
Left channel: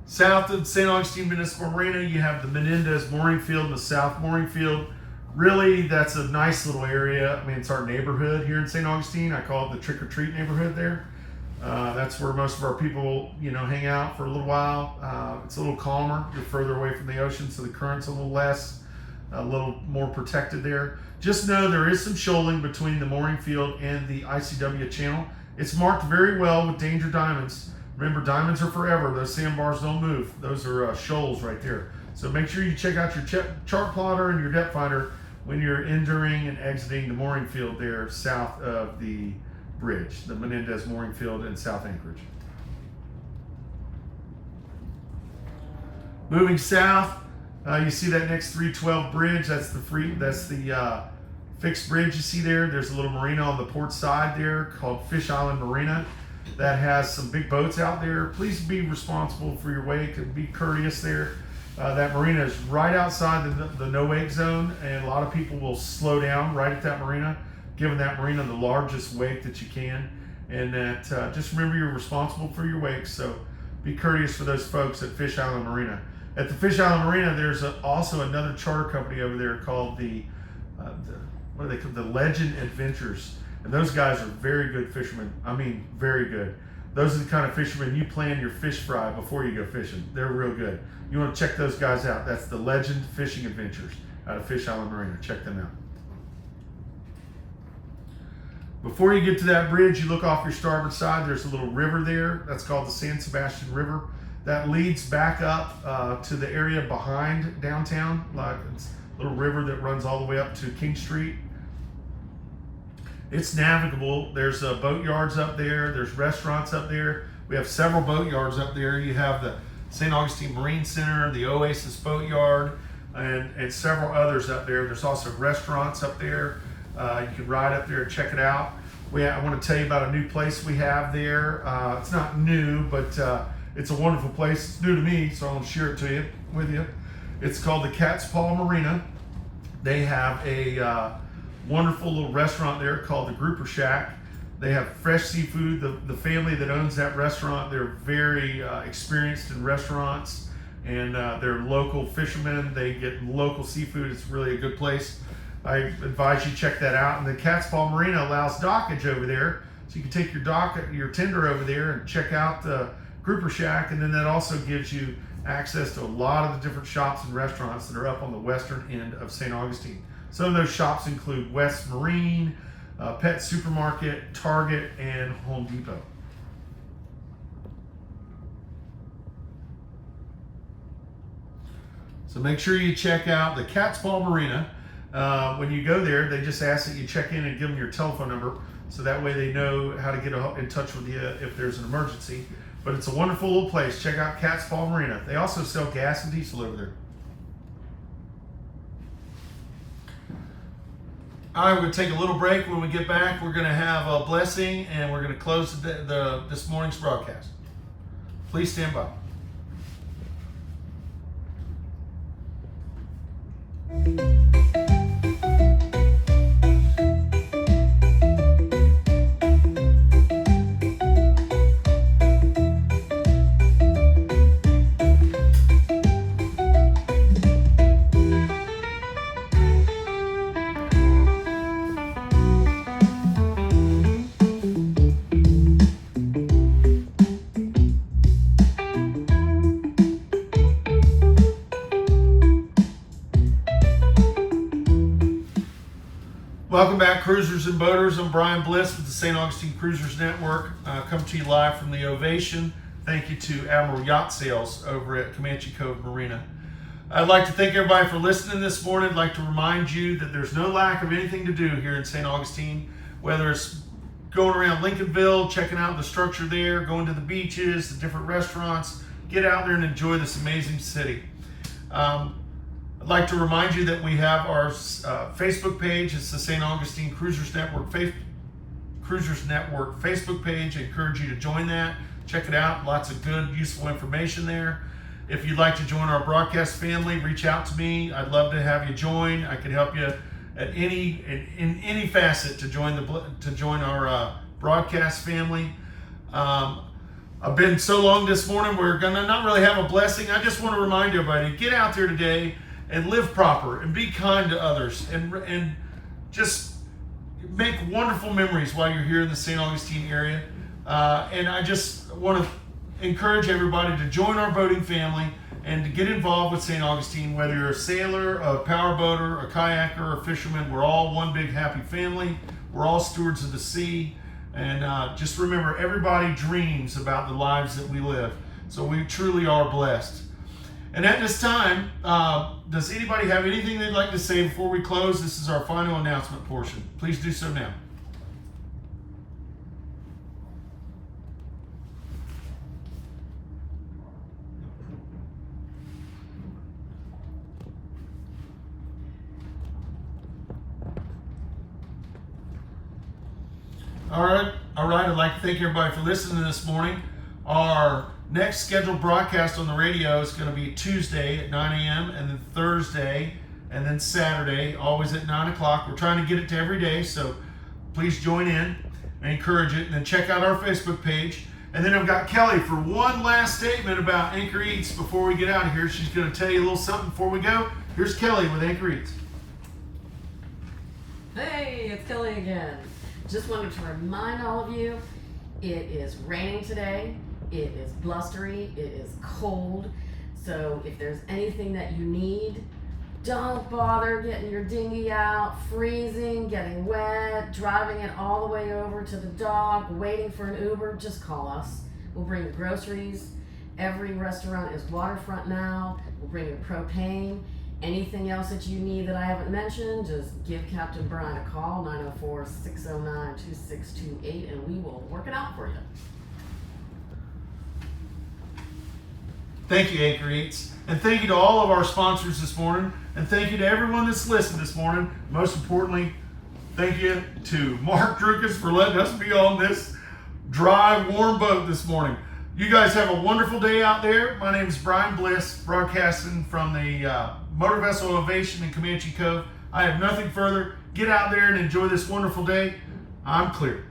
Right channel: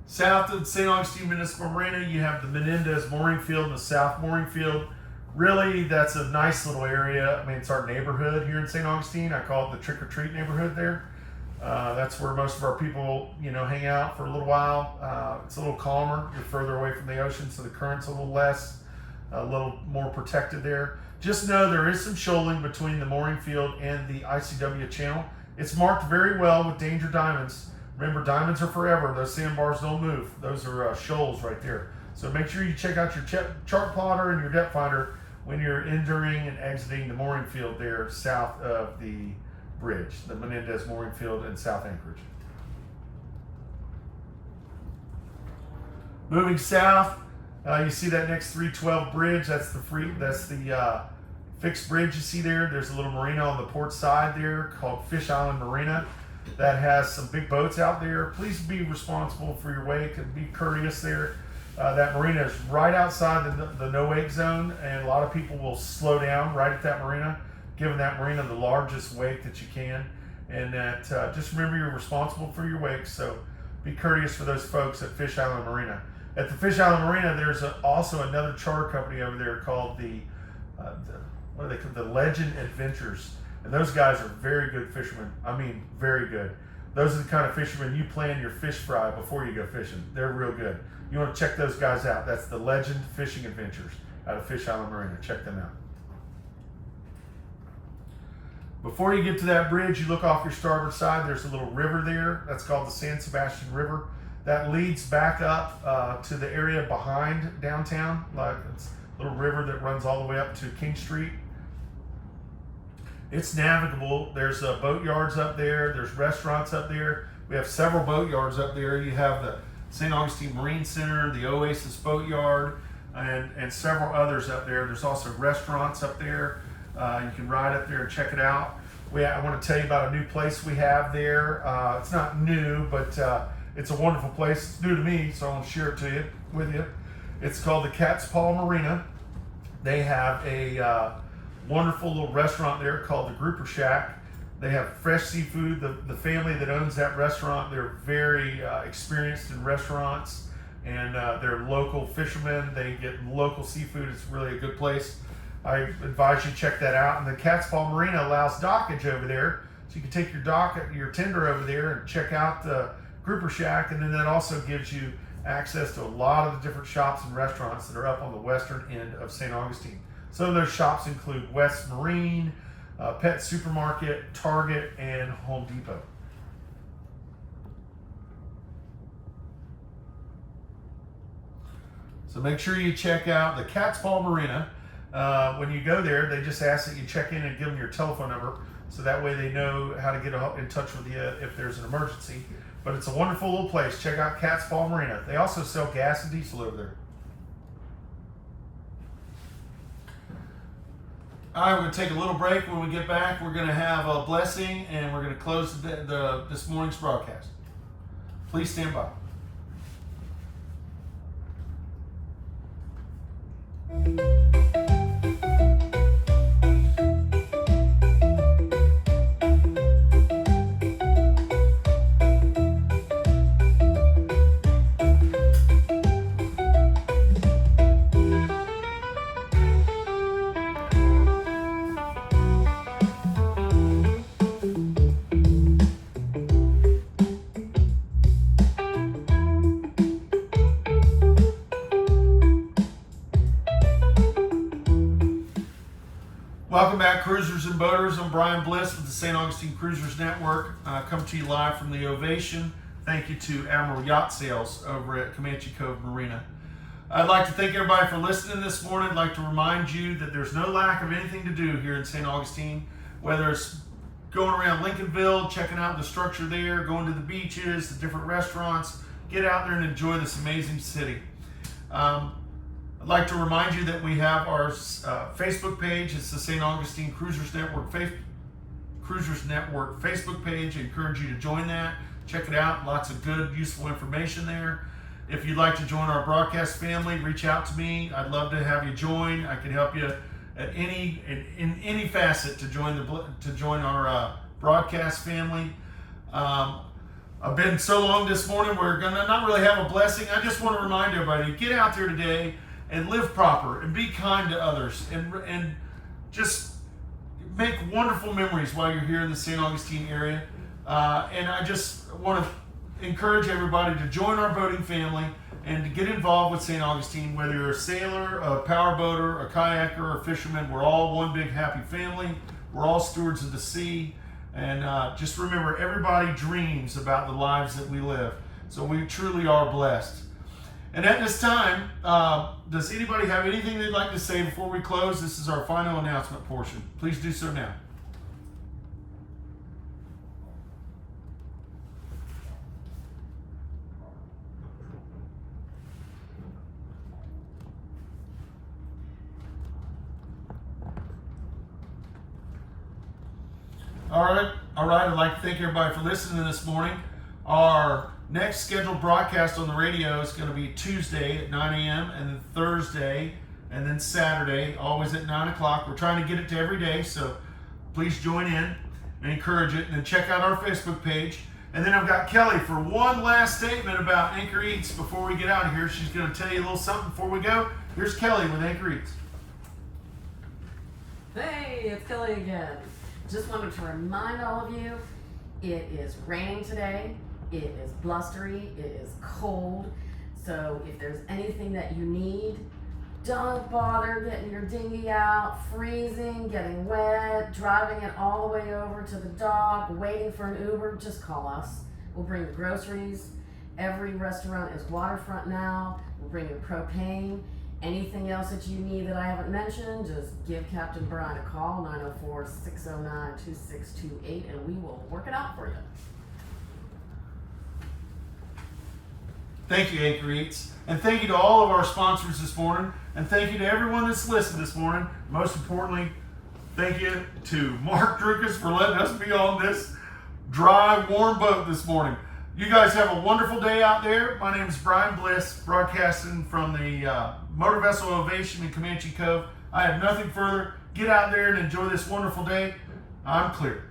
South of St. Augustine Municipal Marina, you have the Menendez mooring field and the South mooring field. Really, that's a nice little area. I mean, it's our neighborhood here in St. Augustine. I call it the trick-or-treat neighborhood there. That's where most of our people, hang out for a little while. It's a little calmer. You're further away from the ocean, so the current's a little less. a little more protected there. Just know there is some shoaling between the mooring field and the ICW channel. It's marked very well with danger diamonds. Remember, diamonds are forever. Those sandbars don't move. Those are shoals right there. So make sure you check out your chart plotter and your depth finder when you're entering and exiting the mooring field there south of the bridge, the Menendez mooring field in South Anchorage. Moving south, you see that next 312 bridge. That's the fixed bridge you see there. There's a little marina on the port side there called Fish Island Marina that has some big boats out there. Please be responsible for your wake and be courteous there. That marina is right outside the no wake zone, and a lot of people will slow down right at that marina, giving that marina the largest wake that you can. And that just remember you're responsible for your wake, so be courteous for those folks at Fish Island Marina. At the Fish Island Marina, there's also another charter company over there called the Legend Adventures, and those guys are very good fishermen. I mean, very good. Those are the kind of fishermen you plan your fish fry before you go fishing. They're real good. You want to check those guys out. That's the Legend Fishing Adventures out of Fish Island Marina. Check them out. Before you get to that bridge, you look off your starboard side. There's a little river there. That's called the San Sebastian River. That leads back up to the area behind downtown. Like it's a little river that runs all the way up to King Street. It's navigable. There's boat yards up there. There's restaurants up there. We have several boat yards up there. You have the St. Augustine Marine Center, the Oasis Boat Yard, and several others up there. There's also restaurants up there. You can ride up there and check it out. I want to tell you about a new place we have there. It's not new, but it's a wonderful place. It's new to me, so I want to share it with you. It's called the Cat's Paw Marina. They have a wonderful little restaurant there called the Grouper Shack. They have fresh seafood. The family that owns that restaurant, they're very experienced in restaurants, and they're local fishermen. They get local seafood. It's really a good place. I advise you check that out. And the Cat's Paw Marina allows dockage over there, so you can take your tender over there and check out the Grouper Shack, and then that also gives you access to a lot of the different shops and restaurants that are up on the western end of St. Augustine. Some of those shops include West Marine, Pet Supermarket, Target, and Home Depot. So make sure you check out the Cat's Paw Marina. When you go there, they just ask that you check in and give them your telephone number, so that way they know how to get in touch with you if there's an emergency. But it's a wonderful little place. Check out Cat's Paw Marina. They also sell gas and diesel over there. All right, we're going to take a little break. When we get back, we're going to have a blessing, and we're going to close this morning's broadcast. Please stand by. Welcome back, cruisers and boaters. I'm Brian Bliss with the St. Augustine Cruisers Network. Come to you live from the Ovation. Thank you to Admiral Yacht Sales over at Comanche Cove Marina. I'd like to thank everybody for listening this morning. I'd like to remind you that there's no lack of anything to do here in St. Augustine, whether it's going around Lincolnville, checking out the structure there, going to the beaches, the different restaurants. Get out there and enjoy this amazing city. I'd like to remind you that we have our Facebook page. It's the St. Augustine Cruisers Network Facebook page. I encourage you to join that. Check it out. Lots of good, useful information there. If you'd like to join our broadcast family, reach out to me. I'd love to have you join. I can help you at in any facet to join our broadcast family. I've been so long this morning. We're gonna not really have a blessing. I just want to remind everybody: get out there today and live proper and be kind to others, and just make wonderful memories while you're here in the St. Augustine area. And I just want to encourage everybody to join our boating family and to get involved with St. Augustine, whether you're a sailor, a powerboater, a kayaker, or a fisherman. We're all one big happy family. We're all stewards of the sea. And just remember, everybody dreams about the lives that we live. So we truly are blessed. And at this time, does anybody have anything they'd like to say before we close? This is our final announcement portion. Please do so now. All right. I'd like to thank everybody for listening this morning. Our next scheduled broadcast on the radio is going to be Tuesday at 9 a.m. and then Thursday and then Saturday, always at 9 o'clock. We're trying to get it to every day, so please join in and encourage it. And then check out our Facebook page. And then I've got Kelly for one last statement about Anchor Eats before we get out of here. She's going to tell you a little something before we go. Here's Kelly with Anchor Eats. Hey, it's Kelly again. Just wanted to remind all of you, it is raining today, it is blustery, it is cold, so if there's anything that you need, don't bother getting your dinghy out, freezing, getting wet, driving it all the way over to the dock, waiting for an Uber. Just call us. We'll bring you groceries. Every restaurant is waterfront now. We'll bring you propane. Anything else that you need that I haven't mentioned, just give Captain Brian a call, 904-609-2628, and we will work it out for you. Thank you, Anchor Eats. And thank you to all of our sponsors this morning. And thank you to everyone that's listened this morning. Most importantly, thank you to Mark Drukas for letting us be on this dry, warm boat this morning. You guys have a wonderful day out there. My name is Brian Bliss, broadcasting from the Motor Vessel Ovation in Comanche Cove. I have nothing further. Get out there and enjoy this wonderful day. I'm clear.